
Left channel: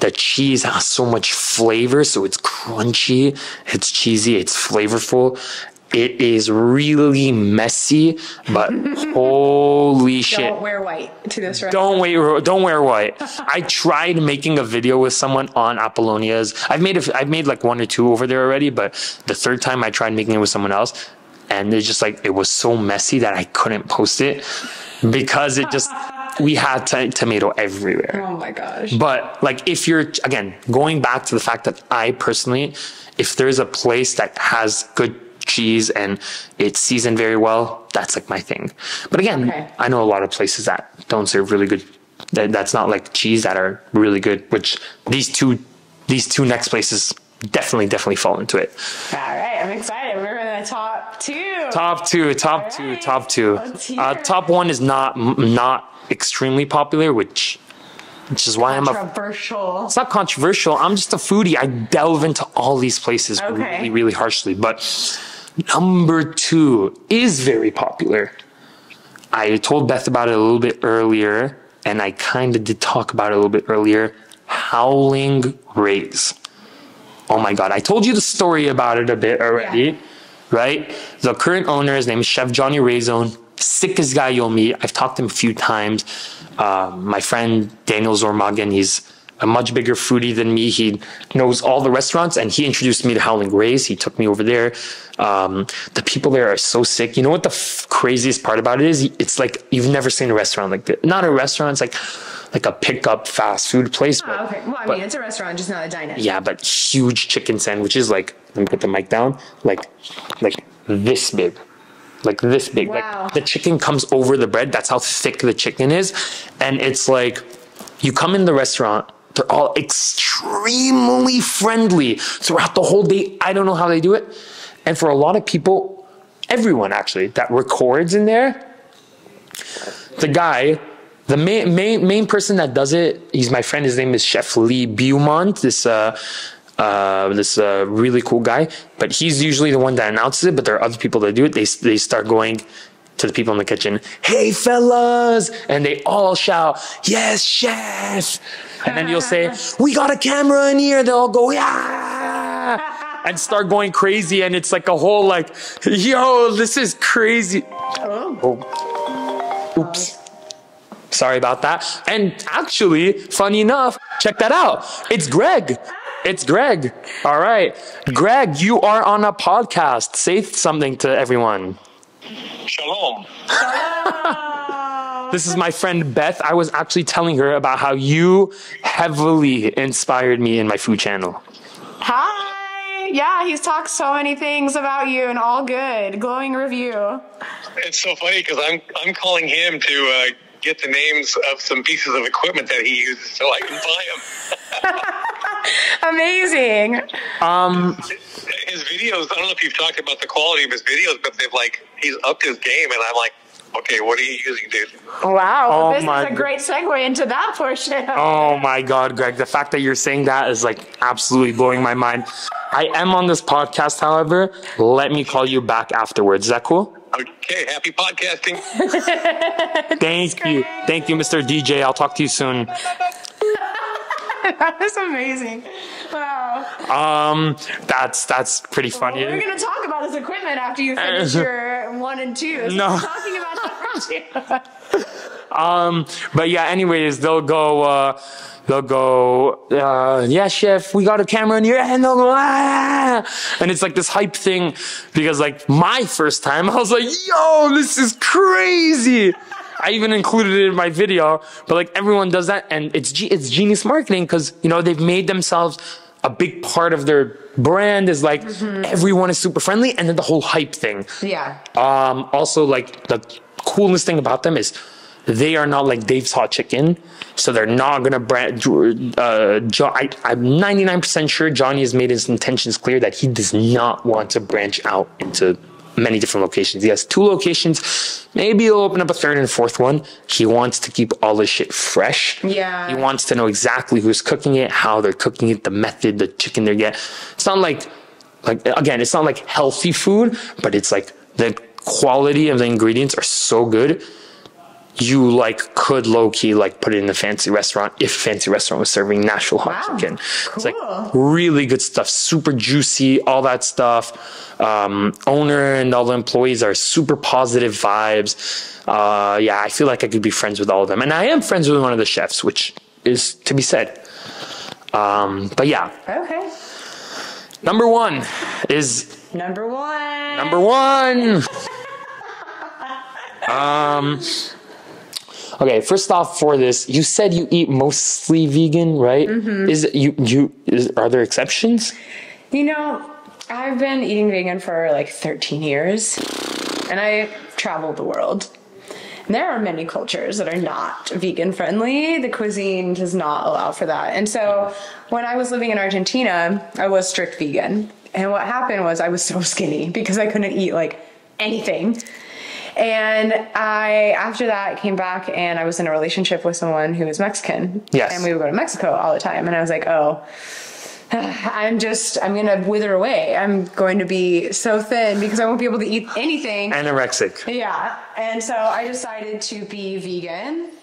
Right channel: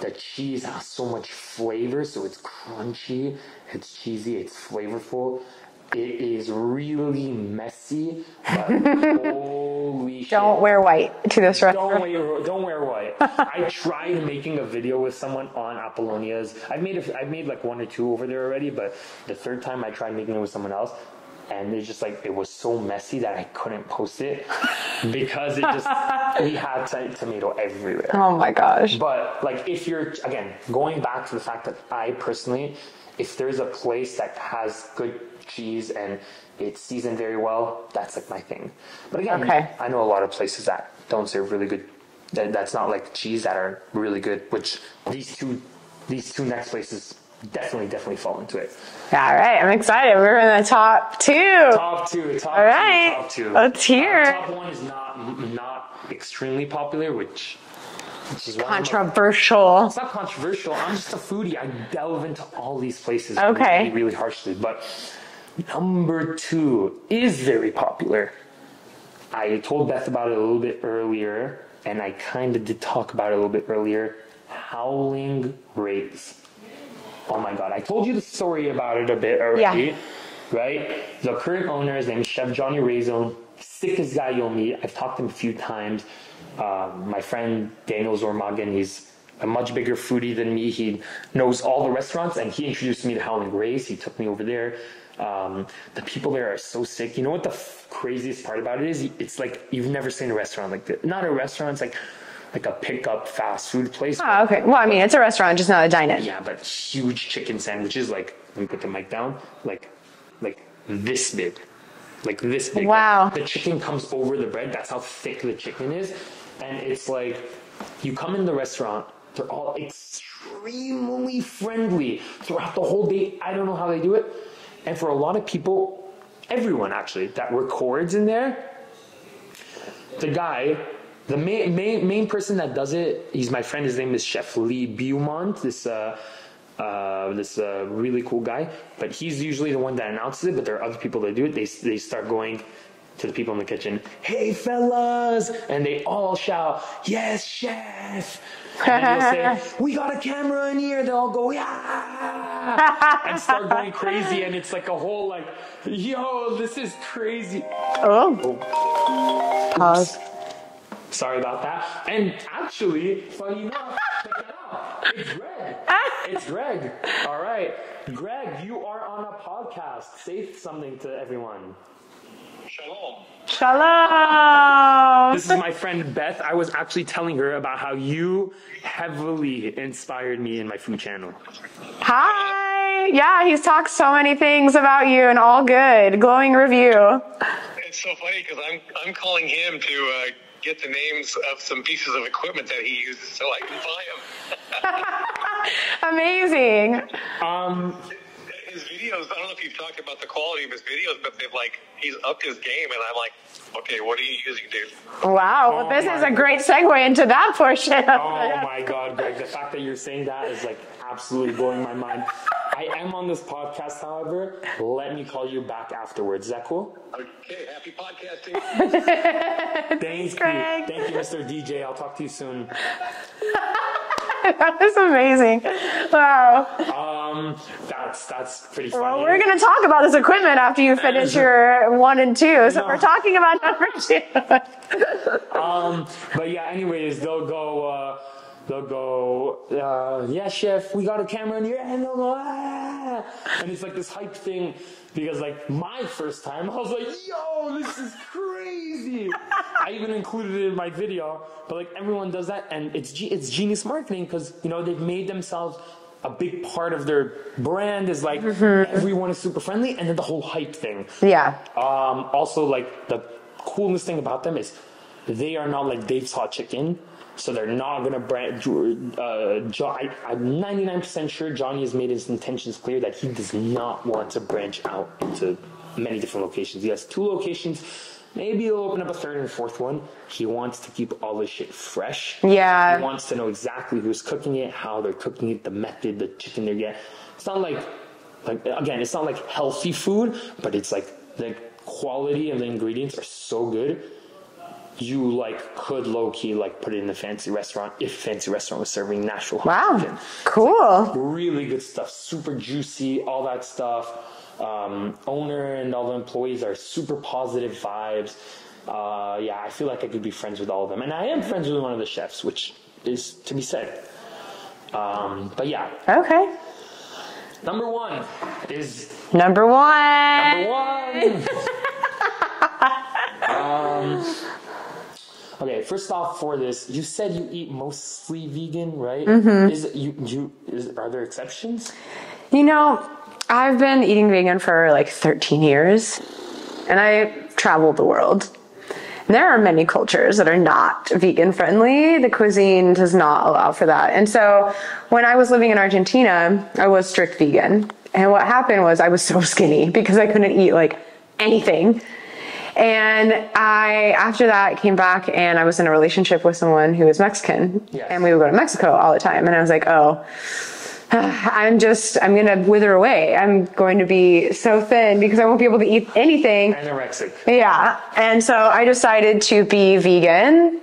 the cheese has so much flavor. So it's crunchy, it's cheesy, it's flavorful. It is really messy, but holy shit. Don't wear white to this restaurant. Don't wear white. I tried making a video with someone on Apollonia's. I've made like 1 or 2 over there already, but the third time I tried making it with someone else, and it's just like, it was so messy that I couldn't post it because we had tomato everywhere. Oh my gosh. But like, if you're, again, going back to the fact that I personally, if there's a place that has good cheese and it's seasoned very well, that's like my thing. But again, I know a lot of places that don't serve really good, that's not like cheese, that are really good, which these two next places definitely fall into it. All right, I'm excited. We're in the top 2. Top two. Let's hear. Top 1 is not extremely popular, which is why controversial. It's not controversial. I'm just a foodie. I delve into all these places really, really harshly. But number 2 is very popular. I told Beth about it a little bit earlier, and I kind of did talk about it a little bit earlier. Howling Gray's. Oh my God. I told you the story about it a bit already, right? The current owner, his name is Chef Johnny Razone. Sickest guy you'll meet. I've talked to him a few times. My friend Daniel Zormagan, he's a much bigger foodie than me. He knows all the restaurants, and he introduced me to Howling Gray's. He took me over there. The people there are so sick. You know what the craziest part about it is? It's like you've never seen a restaurant like this. Not a restaurant, it's like a pickup fast food place. Oh, okay. Well, I mean, it's a restaurant, just not a dine-in. Yeah, but huge chicken sandwiches. Like, let me put the mic down. Like this big. Like this big. Wow. Like, the chicken comes over the bread. That's how thick the chicken is. And it's like, you come in the restaurant, they're all extremely friendly throughout the whole day. I don't know how they do it. And for a lot of people, everyone actually, that records in there, the guy, the main person that does it, he's my friend. His name is Chef Lee Beaumont. This really cool guy. But he's usually the one that announces it. But there are other people that do it. They start going to the people in the kitchen, "Hey fellas," and they all shout, "Yes, chef!" And then you'll say, "We got a camera in here." They'll all go, "Yeah!" and start going crazy. And it's like a whole like, "Yo, this is crazy." Oh. Pause. Sorry about that. And actually, funny enough, check that out. It's Greg. It's Greg. All right. Greg, you are on a podcast. Say something to everyone. Shalom. Hello. This is my friend Beth. I was actually telling her about how you heavily inspired me in my food channel. Hi. Yeah, he's talked so many things about you and all good. Glowing review. It's so funny because I'm calling him to get the names of some pieces of equipment that he uses so I can buy them. Amazing. His videos, I don't know if you've talked about the quality of his videos, but he's upped his game, and I'm like, okay, what are you using, dude? Wow, Oh this is my a great segue into that portion. Oh my God, Greg, the fact that you're saying that is like absolutely blowing my mind. I am on this podcast, however. Let me call you back afterwards. Is that cool? Okay, happy podcasting. Thank you. Thank you, Mr. DJ. I'll talk to you soon. That was amazing. Wow. That's pretty funny. Well, we're going to talk about this equipment after you finish your 1 and 2. So we're talking about number 2. But yeah, anyways, they'll go, yeah, chef, we got a camera in here, and they'll go, ah! And it's like this hype thing, because like my first time, I was like, yo, this is crazy. I even included it in my video, but like everyone does that, and it's genius marketing, because, you know, they've made themselves a big part of their brand is like everyone is super friendly, and then the whole hype thing. Yeah. Also, like the coolest thing about them is they are not like Dave's Hot Chicken, so they're not gonna brand. I'm 99% sure Johnny has made his intentions clear that he does not want to branch out into many different locations. He has 2 locations. Maybe he'll open up a 3rd and 4th one. He wants to keep all his shit fresh. Yeah. He wants to know exactly who's cooking it, how they're cooking it, the method, the chicken they get. It's not like again, it's not like healthy food, but it's like the quality of the ingredients are so good. You like could low key like put it in a fancy restaurant if a fancy restaurant was serving Nashville hot chicken. Cool. It's like really good stuff, super juicy, all that stuff. Owner and all the employees are super positive vibes. Yeah, I feel like I could be friends with all of them, and I am friends with one of the chefs, which is to be said. But yeah. Okay. Number one is Number one. Okay, first off, for this, you said you eat mostly vegan, right? Mm-hmm. Are there exceptions? You know, I've been eating vegan for like 13 years, and I traveled the world. And there are many cultures that are not vegan friendly. The cuisine does not allow for that. And so when I was living in Argentina, I was strict vegan. And what happened was I was so skinny because I couldn't eat like anything. And after that, came back and I was in a relationship with someone who was Mexican. Yes. And we would go to Mexico all the time. And I was like, oh, I'm going to wither away. I'm going to be so thin because I won't be able to eat anything. Anorexic. Yeah. And so I decided to be vegan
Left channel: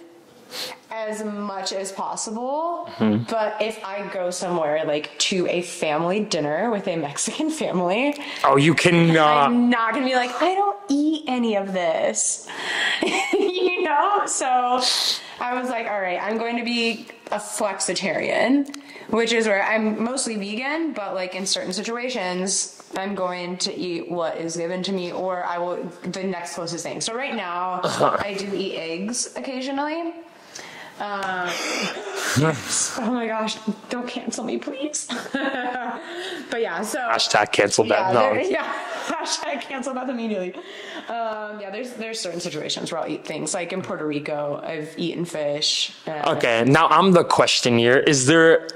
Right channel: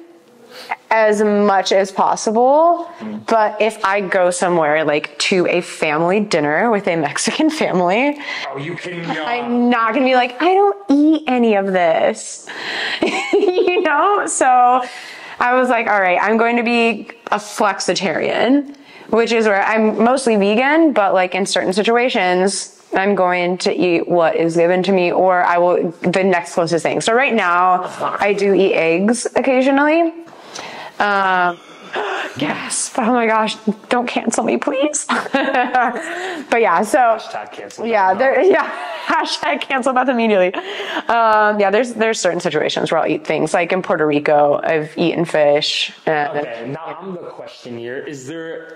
as much as possible. Mm-hmm. But if I go somewhere like to a family dinner with a Mexican family, you can I'm not gonna be like, I don't eat any of this. You know? So I was like, all right, I'm going to be a flexitarian, which is where I'm mostly vegan, but like in certain situations I'm going to eat what is given to me, or I will the next closest thing. So right now I do eat eggs occasionally. Yes. Oh my gosh, don't cancel me, please. But yeah, so hashtag cancel that. Yeah, hashtag cancel that immediately. Yeah, there's certain situations where I'll eat things. Like in Puerto Rico, I've eaten fish. Okay, now I'm the question here. Is there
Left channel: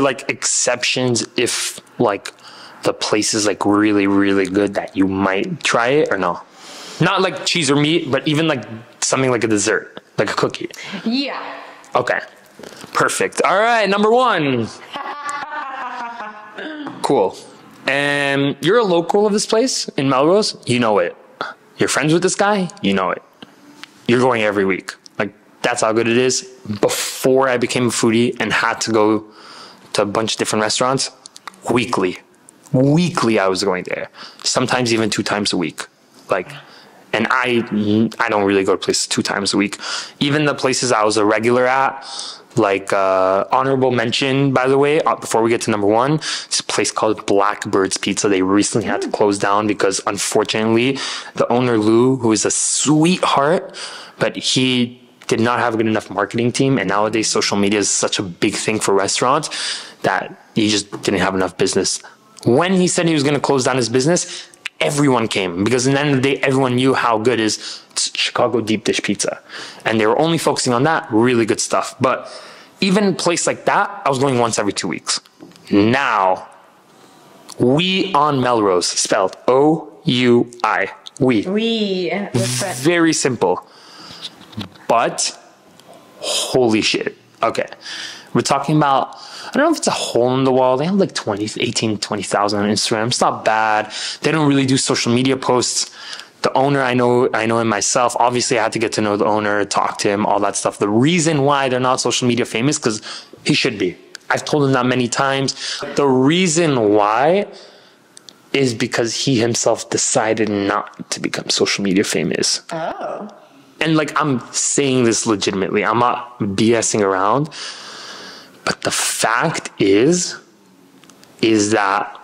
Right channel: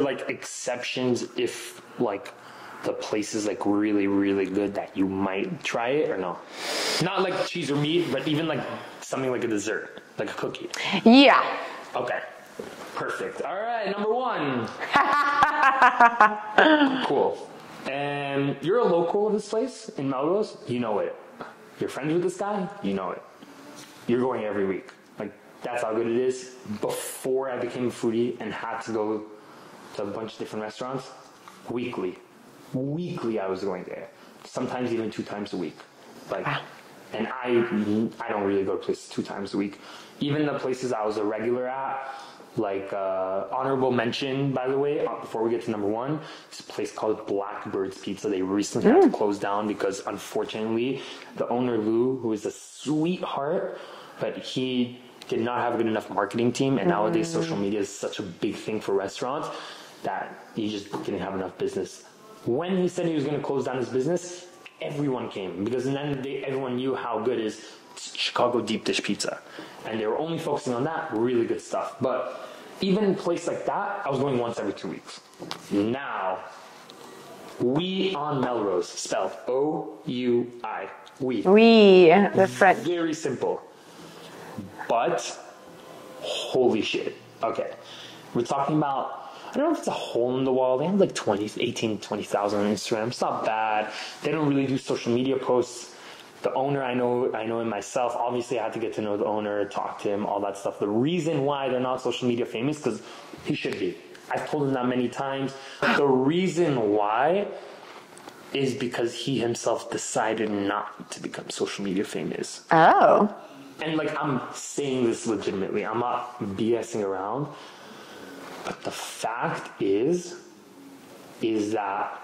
like exceptions if like the place is like really, really good that you might try it, or no? Not like cheese or meat, but even like something like a dessert. Like a cookie? Yeah. Okay. Perfect. All right, number one. Cool. And you're a local of this place in Melrose? You know it. You're friends with this guy? You know it. You're going every week. Like, that's how good it is. Before I became a foodie and had to go to a bunch of different restaurants, weekly I was going there. Sometimes even 2 times a week. Like... And I don't really go to places 2 times a week. Even the places I was a regular at, like honorable mention, by the way, before we get to number one, it's a place called Blackbird's Pizza. They recently had to close down because, unfortunately, the owner, Lou, who is a sweetheart, but he did not have a good enough marketing team. And nowadays, social media is such a big thing for restaurants that he just didn't have enough business. When he said he was going to close down his business, everyone came, because at the end of the day, everyone knew how good is Chicago deep dish pizza. And they were only focusing on that, really good stuff. But even a place like that, I was going once every 2 weeks. Now, We on Melrose, spelled O-U-I. We. That's right. Very simple. But, holy shit. Okay. We're talking about, I don't know if it's a hole in the wall. They have like 20,000 on Instagram. It's not bad. They don't really do social media posts. The owner, I know him myself. Obviously, I had to get to know the owner, talk to him, all that stuff. The reason why they're not social media famous, because he should be. I've told him that many times. The reason why is because he himself decided not to become social media famous. Oh. And like, I'm saying this legitimately. I'm not BSing around. But the fact is that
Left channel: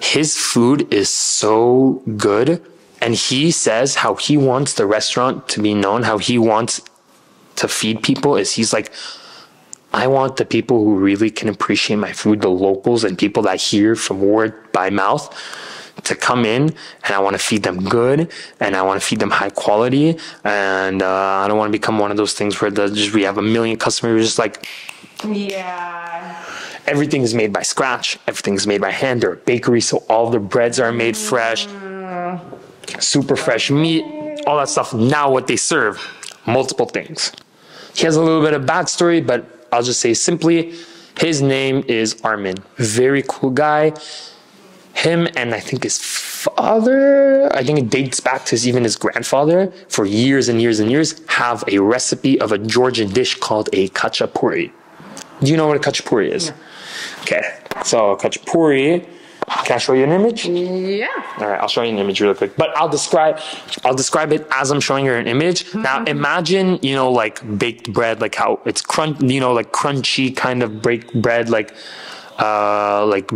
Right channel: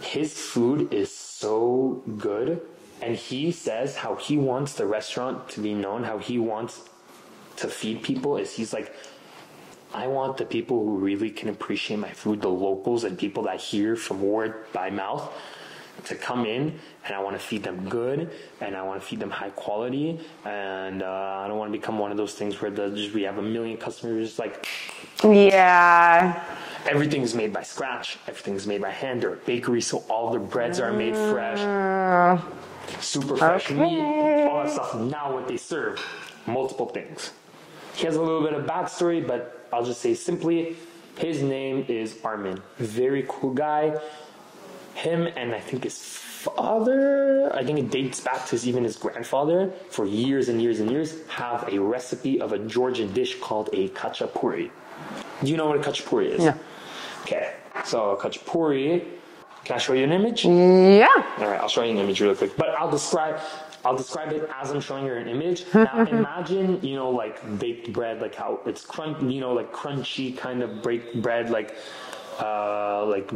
his food is so good. And he says how he wants the restaurant to be known, how he wants to feed people is he's like, I want the people who really can appreciate my food, the locals and people that hear from word by mouth, to come in, and I want to feed them good, and I want to feed them high quality, and I don't want to become one of those things where we have a million customers just like, yeah, everything is made by scratch, everything is made by hand. They're a bakery, so all the breads are made fresh, super fresh meat, all that stuff. Now what they serve, multiple things. He has a little bit of backstory, but I'll just say simply, his name is Armin. Very cool guy. Him and I think his father, I think it dates back to even his grandfather, for years and years and years, have a recipe of a Georgian dish called a Kachapuri. Do you know what a Kachapuri is? No. Okay, so Kachapuri, can I show you an image? Yeah. All right, I'll show you an image really quick. But I'll describe it as I'm showing you an image. Now imagine, like baked bread, like how it's like crunchy kind of baked bread, like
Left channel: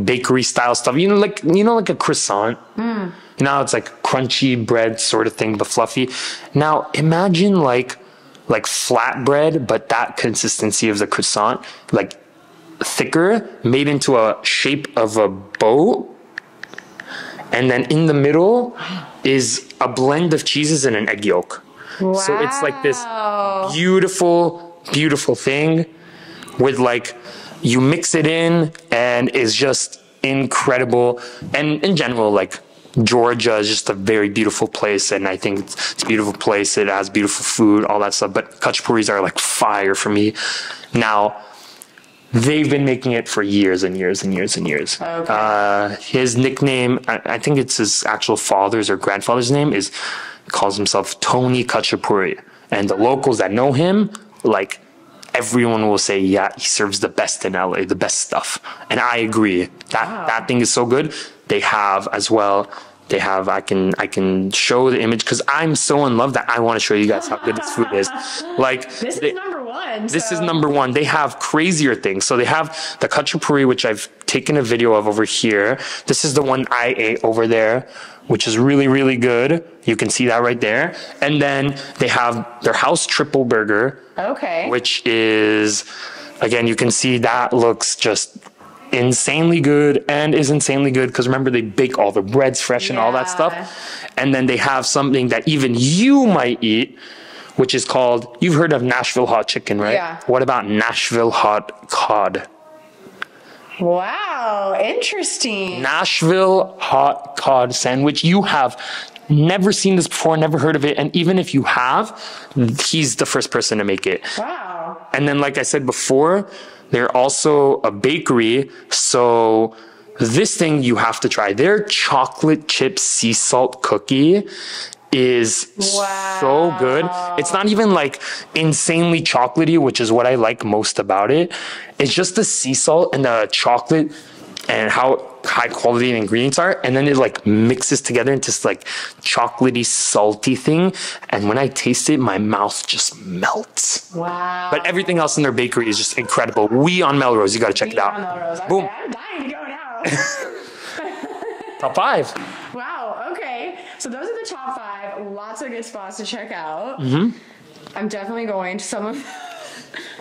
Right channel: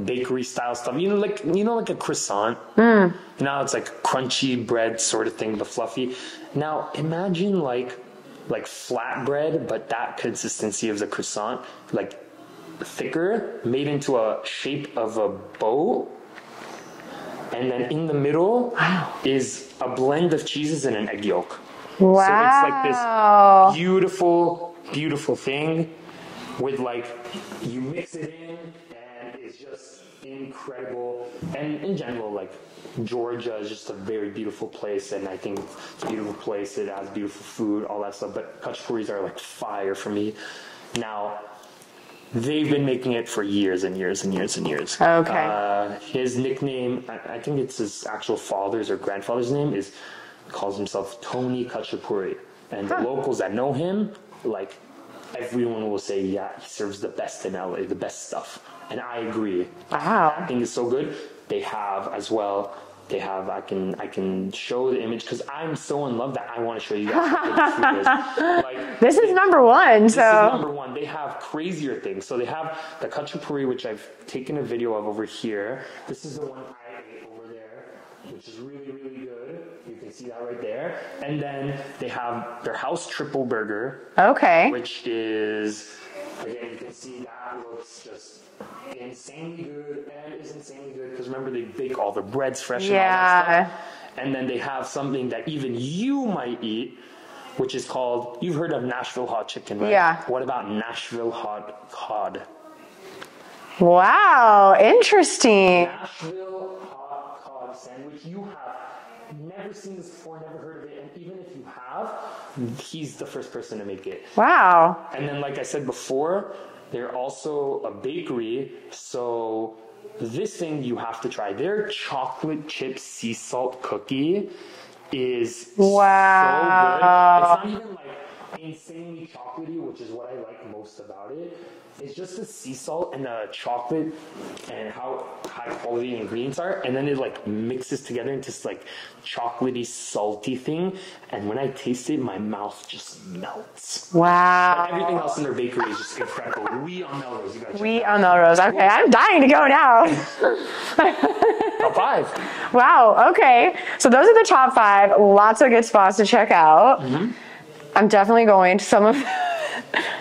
bakery style stuff. Like a croissant. It's like crunchy bread sort of thing, but fluffy. Now imagine like flat bread, but that consistency of the croissant, like thicker, made into a shape of a bow, and then in the middle is a blend of cheeses and an egg yolk. Wow. So it's like this beautiful thing with like, you mix it in and it's just incredible. And in general, like Georgia is just a very beautiful place, and I think it's a beautiful place. It has beautiful food, all that stuff, but Kachapuris are like fire for me. Now, they've been making it for years and years and years and years. Okay. His nickname, I think it's his actual father's or grandfather's name, calls himself Tony Kachapuri. And the locals that know him, like, everyone will say, yeah, he serves the best in LA, the best stuff. And I agree. That thing is so good. They have as well. I can show the image because I'm so in love that I want to show you guys how good this food is. Like this is number one. This is number one. They have crazier things. So they have the Kachapuri, which I've taken a video of over here. This is the one I ate over there, which is really, really good. You can see that right there. And then they have their house triple burger. Okay. Which is, again, you can see that looks just insanely good and is insanely good because remember, they bake all the breads fresh and all that stuff. And then they have something that even you might eat, which is called, you've heard of Nashville hot chicken, right? Yeah. What about Nashville hot cod? Wow, interesting. Nashville hot cod sandwich. You have never seen this before, never heard of it. And even if you have, he's the first person to make it. Wow. And then, like I said before, they're also a bakery. So this thing you have to try. Their chocolate chip sea salt cookie is so good. It's not even like insanely chocolatey, which is what I like most about it. It's just the sea salt and the chocolate and how high quality the ingredients are, and then it like mixes together into this like chocolatey salty thing, and when I taste it, my mouth just melts. Wow. But everything else in their bakery is just incredible. We on Melrose, you gotta check it out. On Melrose. Okay, boom. I'm dying to go now. Top 5. Wow, okay. So those are the top 5. Lots of good spots to check out. I'm definitely going to some of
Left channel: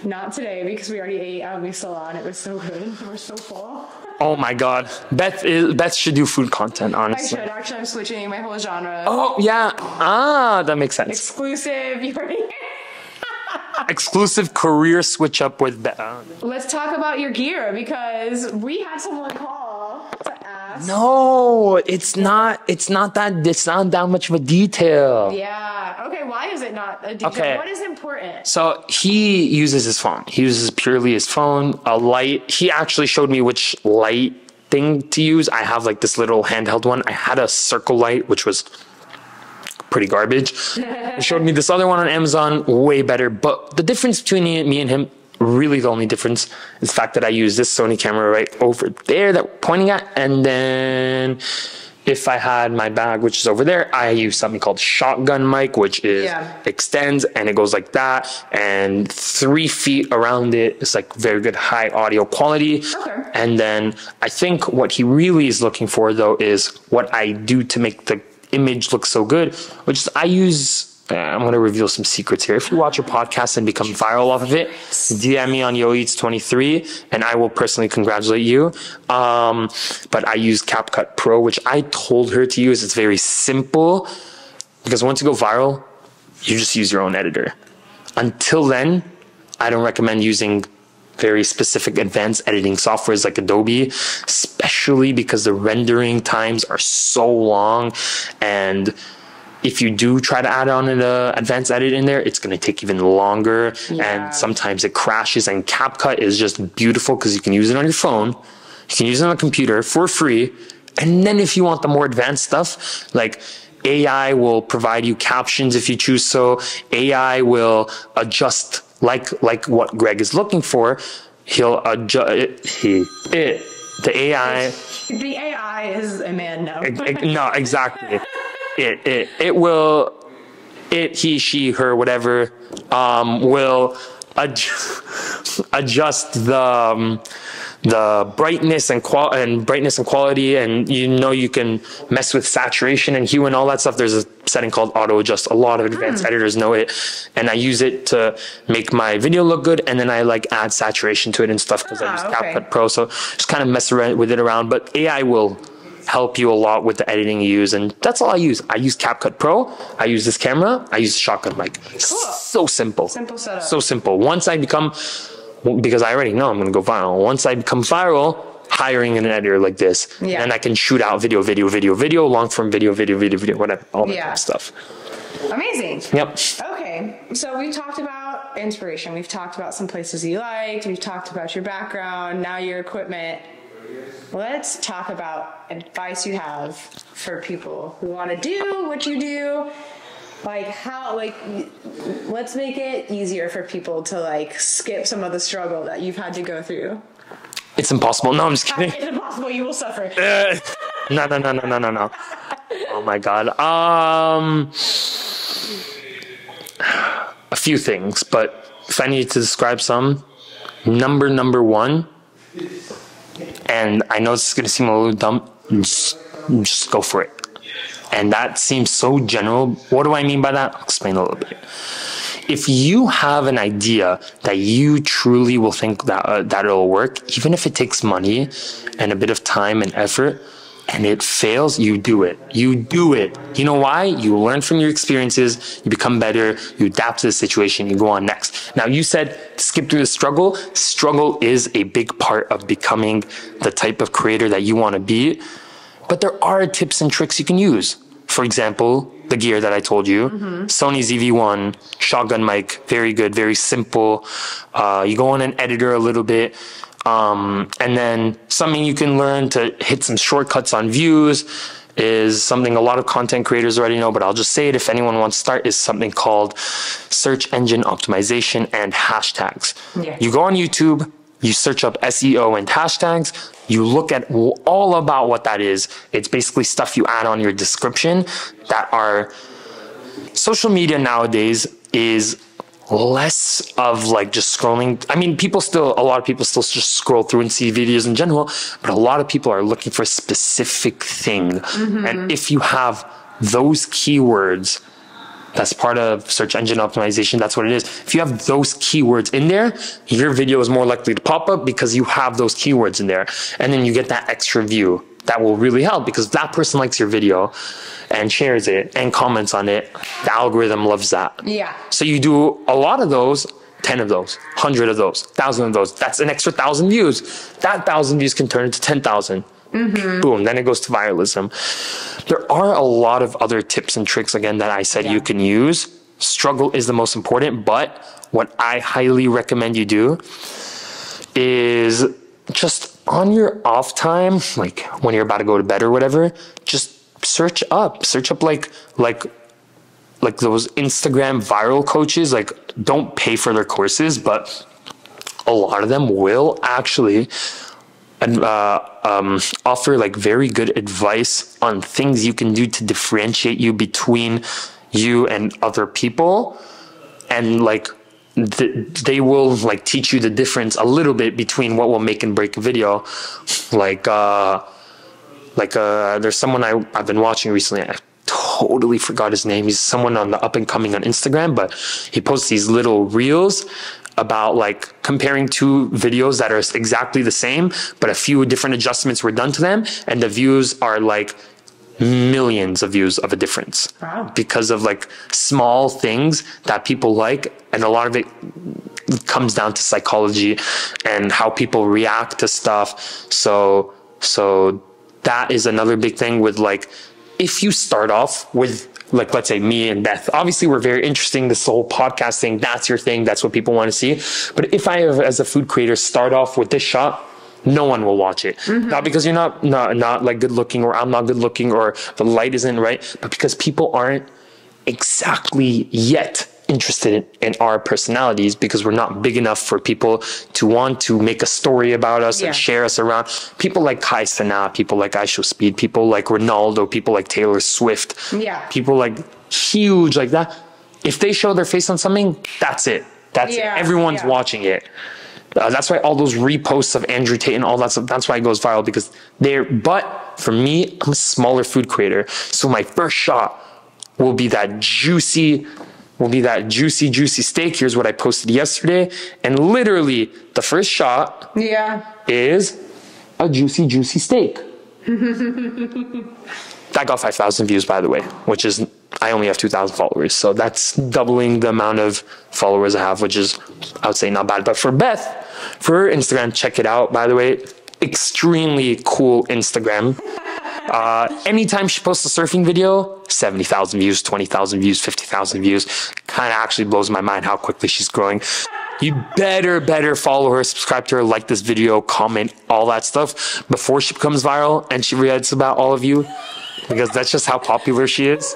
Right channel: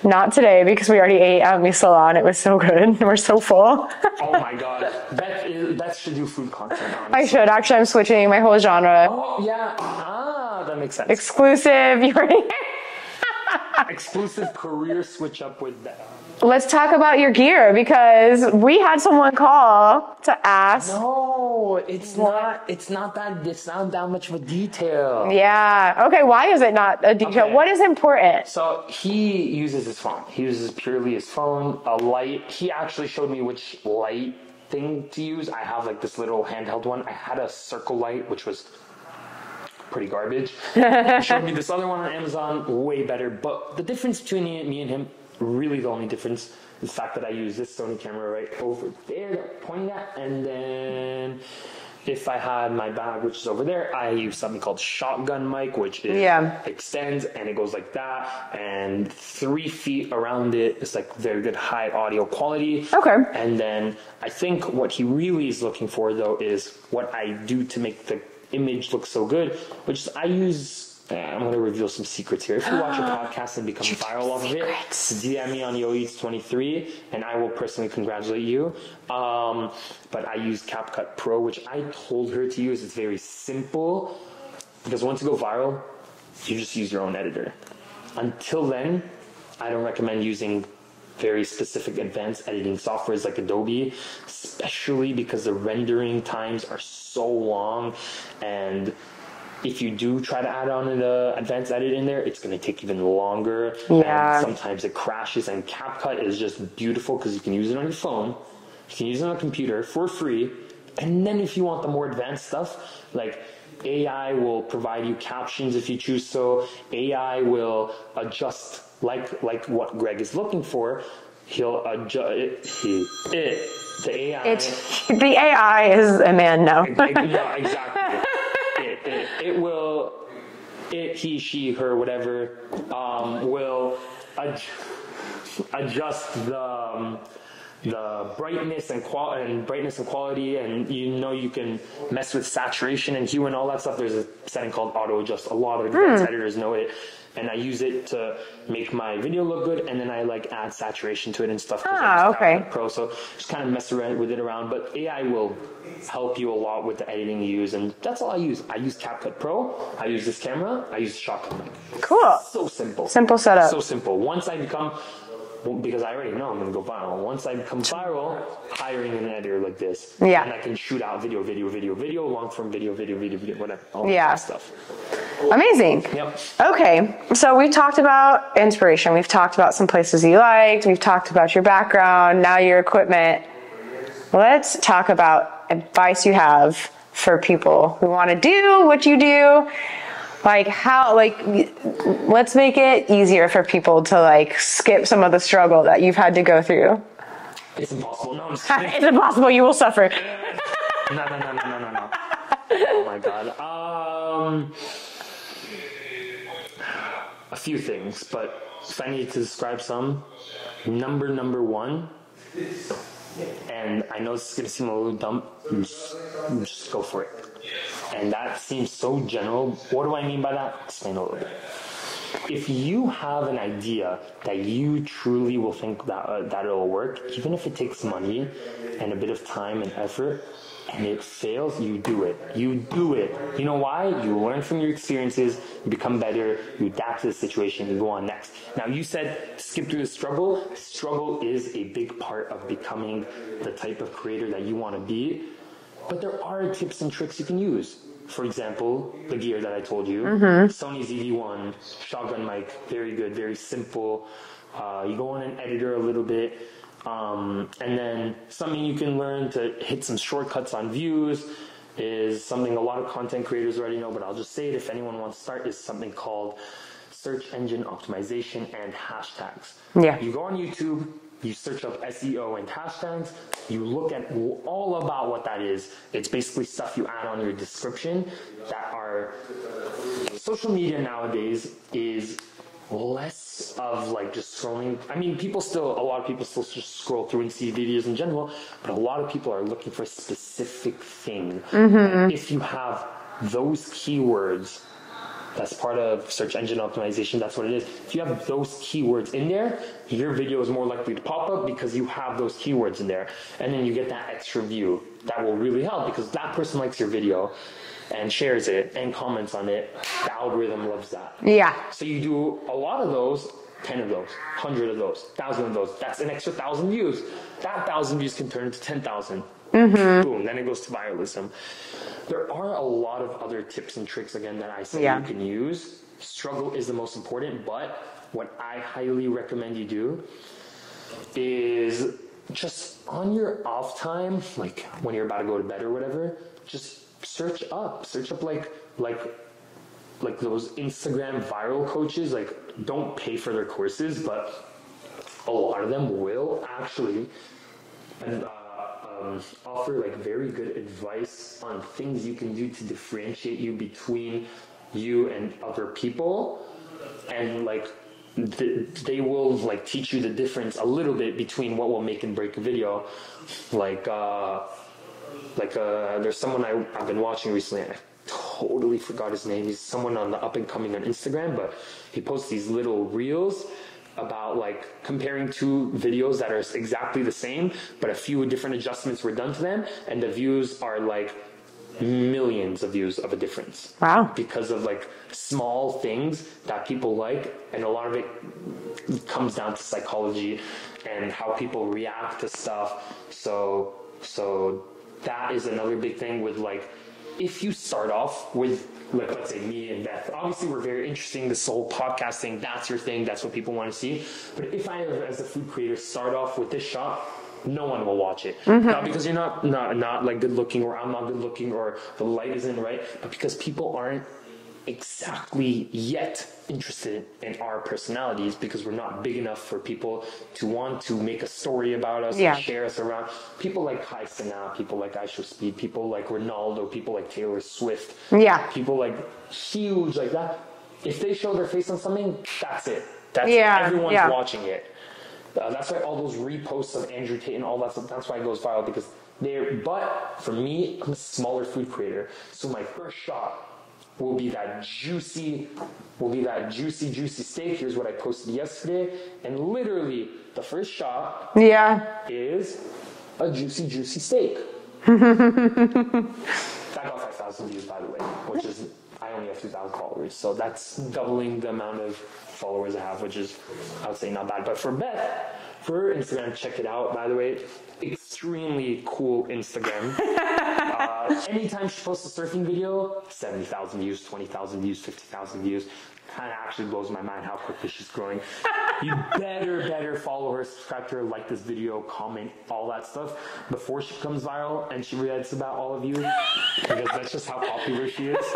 not today because we already ate at Aalona. It was so good. We're so full. Oh my God. Beth should do food content, honestly. I should. Actually, I'm switching my whole genre. Oh, yeah. That makes sense. Exclusive. You already... Exclusive career switch up with Beth. Let's talk about your gear because we had someone call to ask. No, it's not that much of a detail. Yeah. Okay. Why is it not a detail? Okay. What is important? So he uses his phone. He uses purely his phone, a light. He actually showed me which light thing to use. I have like this little handheld one. I had a circle light, which was pretty garbage. He showed me this other one on Amazon, way better. But the difference between me and him, really the only difference, is the fact that I use this Sony camera right over there that we're pointing at. And then if I had my bag, which is over there, I use something called shotgun mic, which is extends and it goes like that. And 3 feet around it is like very good high audio quality. Okay. And then I think what he really is looking for though is what I do to make the image looks so good, which is I use I'm going to reveal some secrets here. If you watch a podcast and become viral off of it, DM me on YoEats23 and I will personally congratulate you. But I use CapCut Pro, which I told her to use. It's very simple because once you go viral, you just use your own editor. Until then, I don't recommend using very specific advanced editing softwares like Adobe, especially because the rendering times are so long. And if you do try to add on an advanced edit in there, it's going to take even longer. And sometimes it crashes. And CapCut is just beautiful because you can use it on your phone. You can use it on a computer for free. And then if you want the more advanced stuff, like AI will provide you captions if you choose so. AI will adjust like what Greg is looking for. He'll adjust the AI. The AI is a man now. No, exactly. He, she, her, whatever, will adjust the brightness and quality, and you can mess with saturation and hue and all that stuff. There's a setting called auto adjust. A lot of advanced editors know it, and I use it to make my video look good, and then I like add saturation to it and stuff because I use CapCut Pro. So just kind of mess around with it around, but AI will help you a lot with the editing you use, and that's all I use. I use CapCut Pro. I use this camera. I use shotgun mic. Cool. So simple. Simple setup. So simple. Once I become, because I already know I'm going to go viral. Once I become viral, hiring an editor like this, then I can shoot out video, long form video, whatever, all that kind of stuff. Amazing. Yep. Okay, so we've talked about inspiration. We've talked about some places you liked. We've talked about your background, now your equipment. Let's talk about advice you have for people who want to do what you do. Let's make it easier for people to skip some of the struggle that you've had to go through. It's impossible. No, I'm just kidding. It's impossible. You will suffer. No. Oh my God. A few things, but if I need to describe some, number one, and I know this is going to seem a little dumb, just go for it. And that seems so general. What do I mean by that? I'll explain a little bit. If you have an idea that you truly will think that it'll work, even if it takes money and a bit of time and effort, and it fails, you do it. You do it. You know why? You learn from your experiences, you become better, you adapt to the situation, you go on next. Now, you said skip through the struggle. Struggle is a big part of becoming the type of creator that you want to be. But there are tips and tricks you can use. For example, the gear that I told you, Sony ZV-1, shotgun mic, very good, very simple. You go on an editor a little bit. And then something you can learn to hit some shortcuts on views is something a lot of content creators already know, but I'll just say it if anyone wants to start, is something called search engine optimization and hashtags. Yeah. You go on YouTube, you search up SEO and hashtags, you look at all about what that is. It's basically stuff you add on your description that are social media nowadays is less of just scrolling. I mean, a lot of people still just scroll through and see videos in general, but a lot of people are looking for a specific thing. And if you have those keywords, that's part of search engine optimization. That's what it is. If you have those keywords in there, your video is more likely to pop up because you have those keywords in there. And then you get that extra view. That will really help because that person likes your video and shares it and comments on it. The algorithm loves that. Yeah. So you do a lot of those, 10 of those, 100 of those, 1,000 of those. That's an extra 1,000 views. That 1,000 views can turn into 10,000. Boom, then it goes to viralism. There are a lot of other tips and tricks, again, that I said you can use. Struggle is the most important, but what I highly recommend you do is just on your off time, when you're about to go to bed or whatever, just search up like those Instagram viral coaches. Don't pay for their courses, but a lot of them will actually offer very good advice on things you can do to differentiate you between you and other people, and they will teach you the difference a little bit between what will make and break a video. There's someone I've been watching recently. I totally forgot his name. He's someone on the up and coming on Instagram, but he posts these little reels about like comparing two videos that are exactly the same, but a few different adjustments were done to them, and the views are like millions of views of a difference. Wow. Because of like small things that people like, and a lot of it comes down to psychology and how people react to stuff. So that is another big thing with like, if you start off with like, let's say me and Beth, obviously we're very interesting, this whole podcast thing, that's your thing, that's what people want to see. But if I, as a food creator, start off with this shot, no one will watch it. Not because you're not like good looking, or I'm not good looking, or the light isn't right, but because people aren't exactly yet interested in our personalities, because we're not big enough for people to want to make a story about us and share us around. People like Kai Sana, people like Aisho Speed, people like Ronaldo, people like Taylor Swift, people like huge like that. If they show their face on something, that's it. That's it. Everyone's watching it. That's why all those reposts of Andrew Tate and all that stuff, that's why it goes viral, because but for me, I'm a smaller food creator. So my first shot will be that juicy steak. Here's what I posted yesterday. And literally the first shot is a juicy steak. That got 5,000 views, by the way, which is, I only have 2,000 followers. So that's doubling the amount of followers I have, which is, I would say, not bad. But for Beth, for her Instagram, check it out, by the way. Extremely cool Instagram. Anytime she posts a surfing video, 70,000 views, 20,000 views, 50,000 views. Kind of actually blows my mind how quickly she's growing. You better follow her, subscribe to her, like this video, comment, all that stuff before she becomes viral and she reads about all of you, because that's just how popular she is.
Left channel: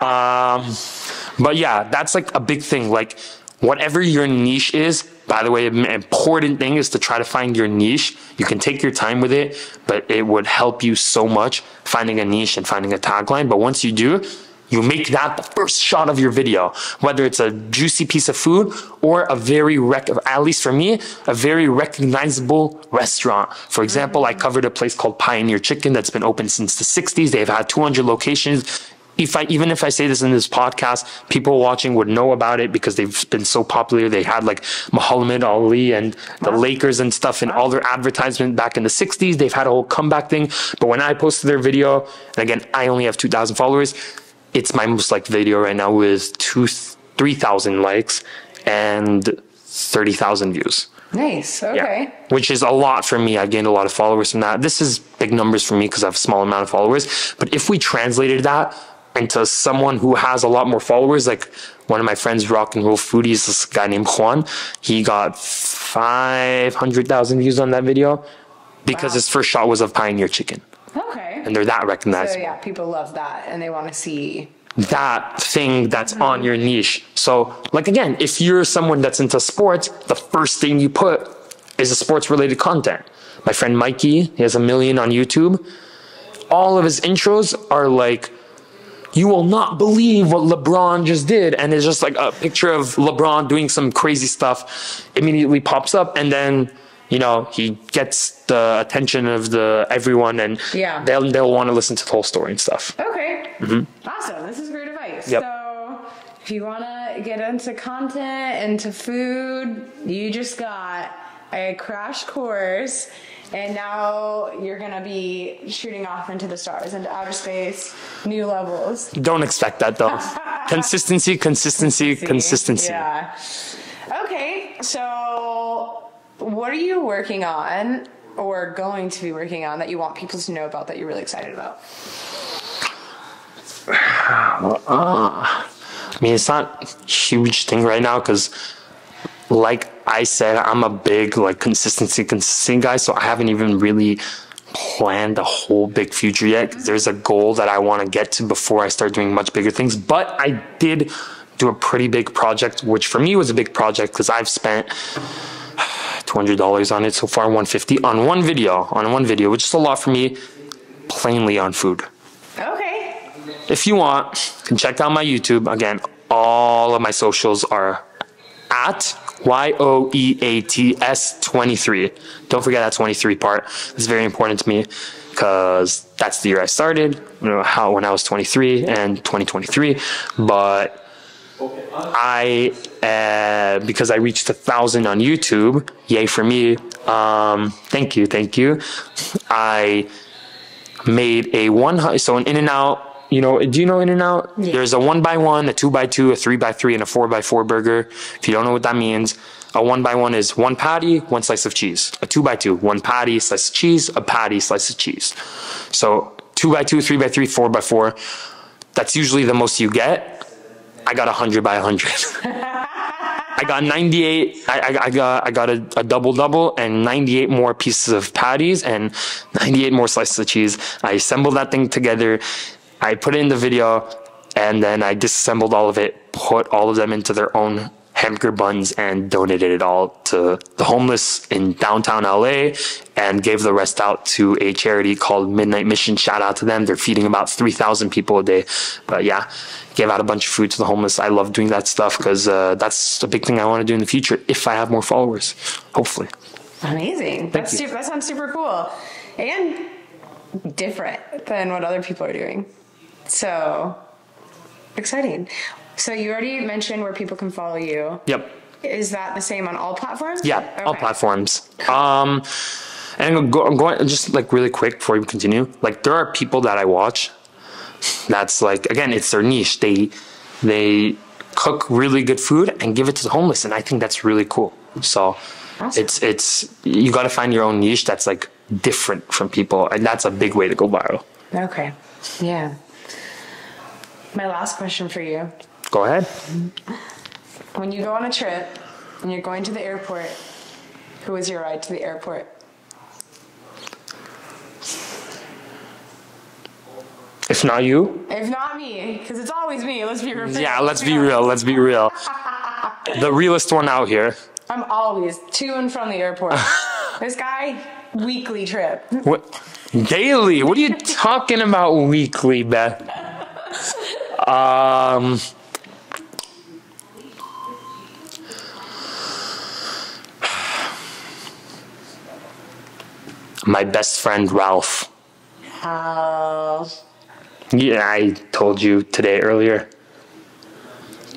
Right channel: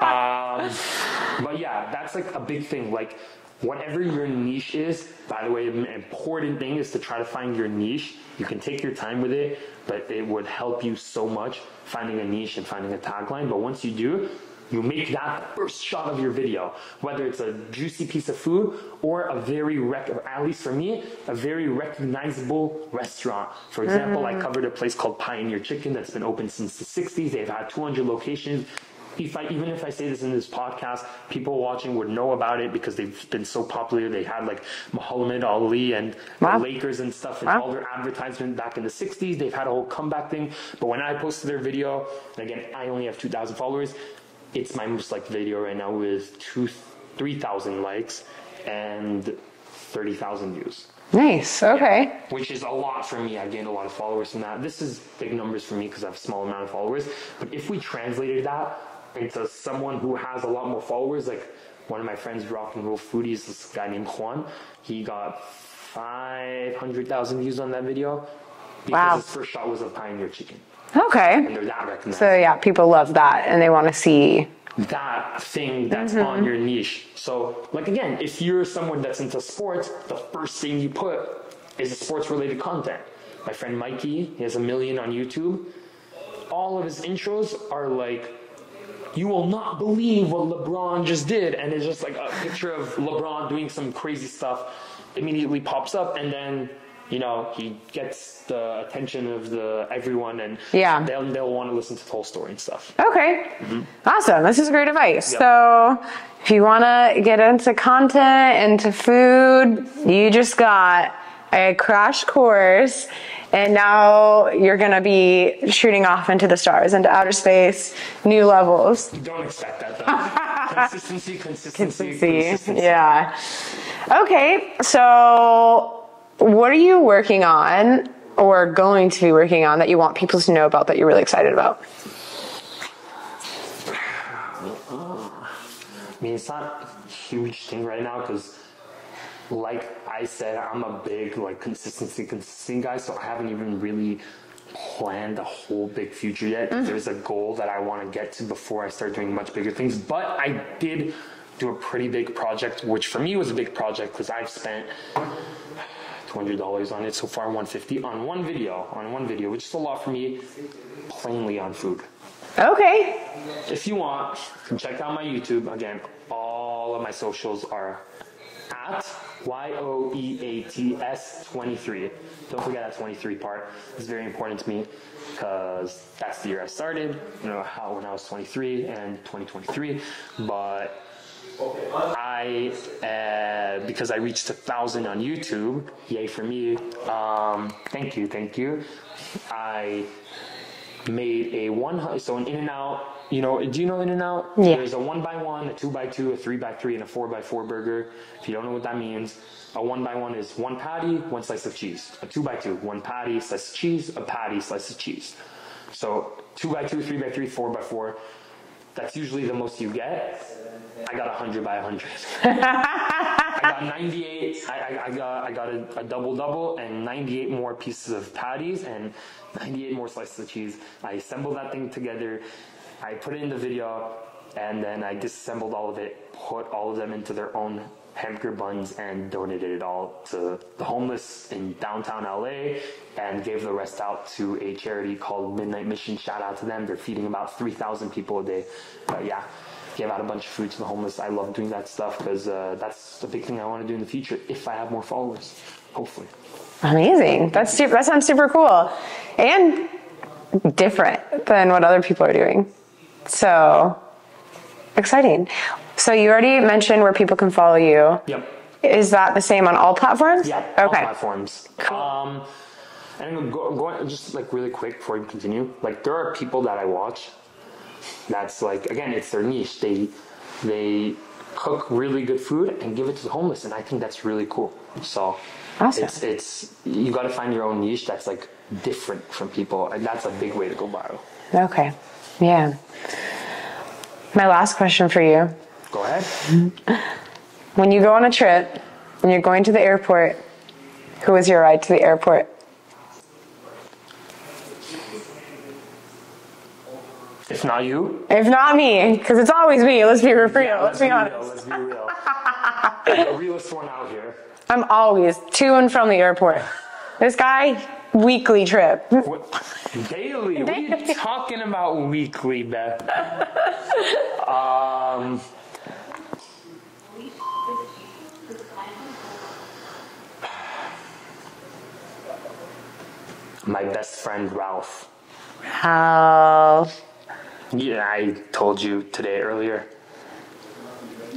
But yeah, that's like a big thing. Like, whatever your niche is, by the way, an important thing is to try to find your niche. You can take your time with it, but it would help you so much finding a niche and finding a tagline. But once you do, you make that the first shot of your video, whether it's a juicy piece of food or a very, at least for me, a very recognizable restaurant. For example, I covered a place called Pioneer Chicken that's been open since the 60s. They've had 200 locations. Even if I say this in this podcast, people watching would know about it because they've been so popular. They had like Muhammad Ali and the Lakers and stuff in all their advertisement back in the 60s. They've had a whole comeback thing. But when I posted their video, and again, I only have 2,000 followers, it's my most liked video right now with 3,000 likes and 30,000 views. Nice. Okay. Yeah, which is a lot for me. I gained a lot of followers from that. This is big numbers for me because I have a small amount of followers. But if we translated that into someone who has a lot more followers, like one of my friends, Rock and Roll Foodies, this guy named Juan, he got 500,000 views on that video because his first shot was of Pioneer Chicken. Okay. And they're that recognized. So yeah, people love that and they want to see that thing that's on your niche. So like, again, if you're someone that's into sports, the first thing you put is a sports related content. My friend Mikey, he has 1 million on YouTube. All of his intros are like, you will not believe what LeBron just did. And it's just like a picture of LeBron doing some crazy stuff immediately pops up. And then, you know, he gets the attention of everyone, and they'll want to listen to the whole story and stuff. Okay. Awesome. This is great advice. Yep. So if you want to get into content, into food, you just got a crash course, and now you're going to be shooting off into the stars, into outer space, new levels. Don't expect that though. Consistency. Yeah. Okay. So what are you working on or going to be working on that you want people to know about that you're really excited about? I mean, it's not a huge thing right now because, like I said, I'm a big consistency guy, so I haven't even really planned a whole big future yet. There's a goal that I want to get to before I start doing much bigger things, but I did do a pretty big project, which for me was a big project because I've spent $200 on it so far, $150 on one video, which is a lot for me, plainly on food. Okay. If you want, you can check out my YouTube. Again, all of my socials are at YOEATS 23. Don't forget that 23 part. It's very important to me. because that's the year I started, when I was 23 and 2023. But because I reached 1,000 on YouTube, yay for me. Thank you. I made an In-N-Out. Do you know In-N-Out? Yeah. There's a 1x1, a 2x2, a 3x3, and a 4x4 burger. If you don't know what that means, a 1x1 is one patty, one slice of cheese. A 2x2, one patty, slice of cheese, a patty, slice of cheese. So 2x2, 3x3, 4x4. That's usually the most you get. I got 100 by 100. I got 98. I got a double and 98 more pieces of patties and 98 more slices of cheese. I assembled that thing together. I put it in the video, and then I disassembled all of it, put all of them into their own hamburger buns, and donated it all to the homeless in downtown LA, and gave the rest out to a charity called Midnight Mission. Shout out to them. They're feeding about 3,000 people a day. But yeah, gave out a bunch of food to the homeless. I love doing that stuff because that's a big thing I want to do in the future if I have more followers, hopefully. Amazing. That sounds super cool and different than what other people are doing. So exciting. So you already mentioned where people can follow you. Yep. Is that the same on all platforms? Yeah, okay. All platforms. And I'm going just like really quick before we continue. Like there are people that I watch that's like, again, it's their niche. They cook really good food and give it to the homeless, and I think that's really cool. So awesome. It's you got to find your own niche that's like different from people, and that's a big way to go viral. Okay. Yeah. My last question for you. Go ahead. When you go on a trip and you're going to the airport, who is your ride to the airport? If not you? If not me, because it's always me. Let's be real. Yeah, let's be real. The realest one out here. I'm always to and from the airport. This guy, weekly trip. What? Daily? What are you talking about weekly, Beth? My best friend, Ralph. Yeah, I told you today earlier.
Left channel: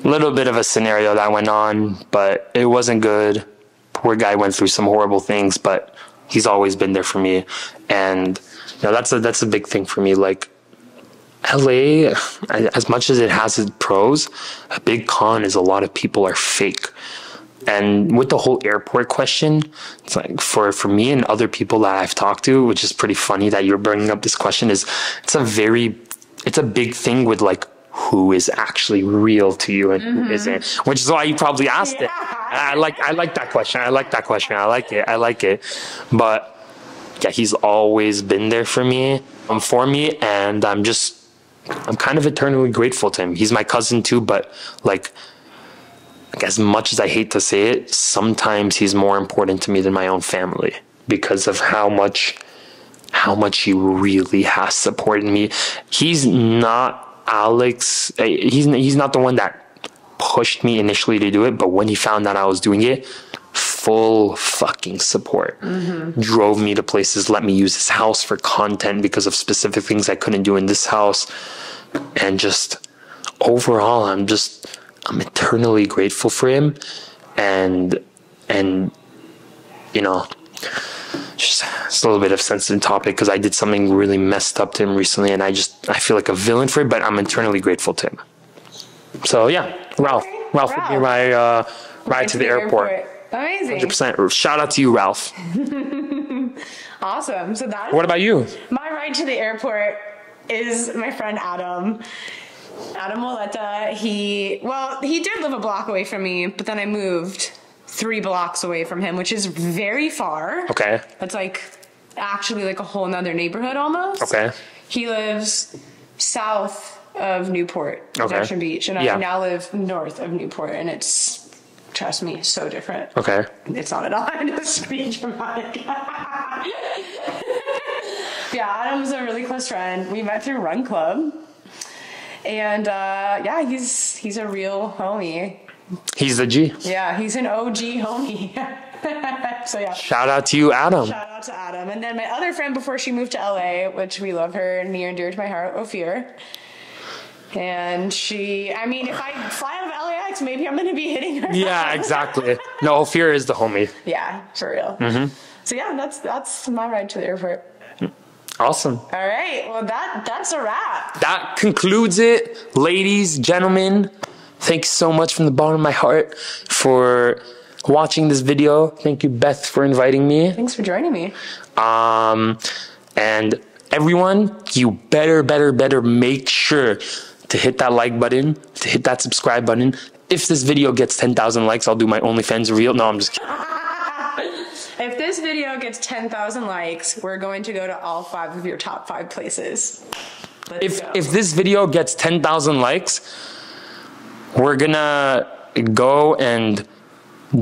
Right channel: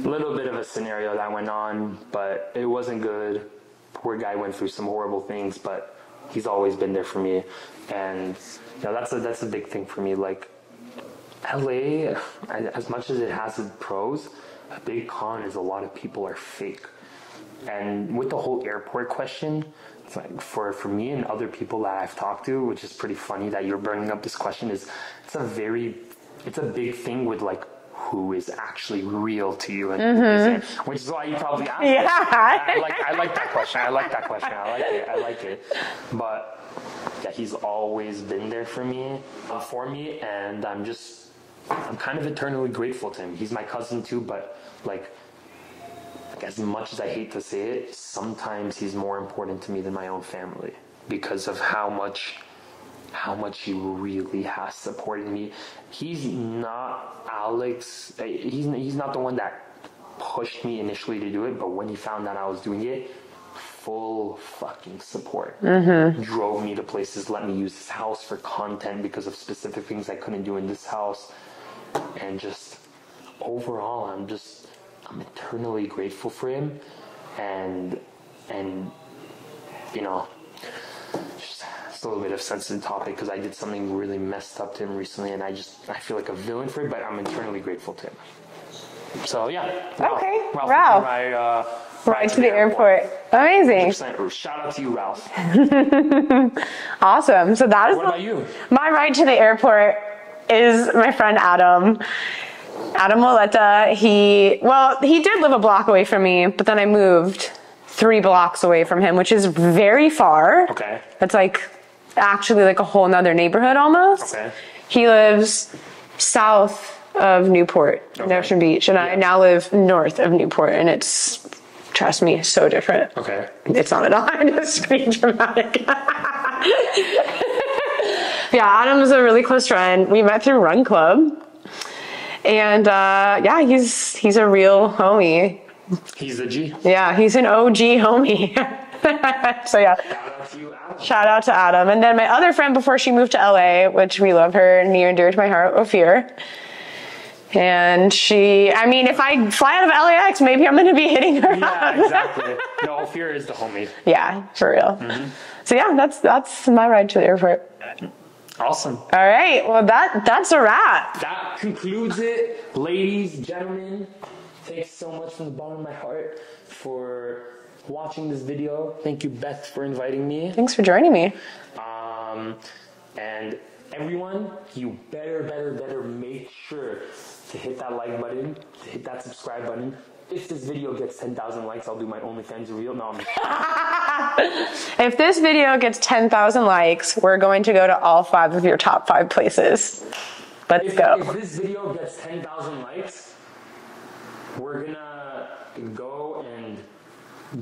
A little bit of a scenario that went on, but it wasn't good. Poor guy went through some horrible things, but he's always been there for me. And that's a big thing for me. Like LA, as much as it has its pros, a big con is a lot of people are fake. And with the whole airport question, it's like for me and other people that I've talked to, which is pretty funny that you're bringing up this question, is it's a big thing with like who is actually real to you and who isn't, which is why you probably asked it. I like that question. I like it. But yeah, he's always been there for me, and I'm kind of eternally grateful to him. He's my cousin too, but like as much as I hate to say it, sometimes he's more important to me than my own family because of how much he really has supported me. He's not Alex. He's not the one that pushed me initially to do it, but when he found that I was doing it, full fucking support. Drove me to places, let me use his house for content because of specific things I couldn't do in this house. And just overall, I'm eternally grateful for him, and just it's a little bit of a sensitive topic because I did something really messed up to him recently, and I feel like a villain for it, but I'm eternally grateful to him. So yeah, Ralph would be my ride to the airport. Amazing. 100%. Shout out to you, Ralph. Awesome. So that is what about you? My ride to the airport is my friend Adam. Adam Waleta, he did live a block away from me, but then I moved 3 blocks away from him, which is very far. Okay. It's like actually like a whole nother neighborhood almost. Okay. He lives south of Newport, Ocean Beach, and I now live north of Newport, and it's, trust me, so different. Okay. It's not at all. I'm just being dramatic. Yeah, Adam's a really close friend. We met through Run Club. And he's a real homie. He's the G. Yeah, he's an OG homie. So yeah. Shout out to you, Adam. Shout out to Adam. And then my other friend before she moved to LA, which we love her, near and dear to my heart, Ophir. And she, I mean, if I fly out of LAX, maybe I'm going to be hitting her. Yeah, exactly. No, Ophir is the homie. Yeah, for real. So yeah, that's my ride to the airport. Awesome. All right. Well, that's a wrap. That concludes it. Ladies, gentlemen, thanks so much from the bottom of my heart for watching this video. Thank you, Beth, for inviting me. Thanks for joining me. And everyone, you better make sure to hit that like button, to hit that subscribe button. If this video gets 10,000 likes, I'll do my OnlyFans reel. No, I'm just kidding. If this video gets 10,000 likes, we're going to go to all 5 of your top 5 places. Let's go. If this video gets 10,000 likes, we're gonna go and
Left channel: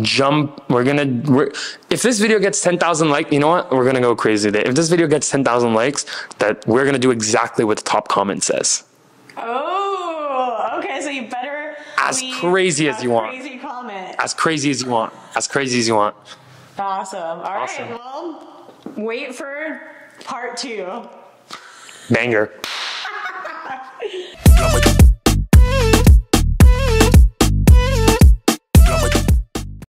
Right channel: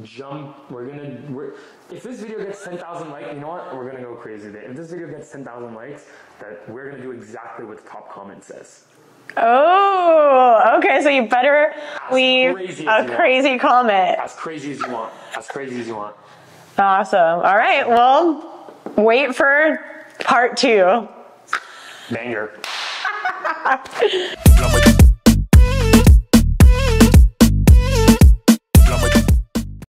jump. If this video gets 10,000 likes, you know what? We're gonna go crazy today. If this video gets 10,000 likes, we're gonna do exactly what the top comment says. Oh, okay. So you better leave crazy as you want. Crazy comment. As crazy as you want. As crazy as you want. Awesome. All right. Well, wait for part 2. Banger.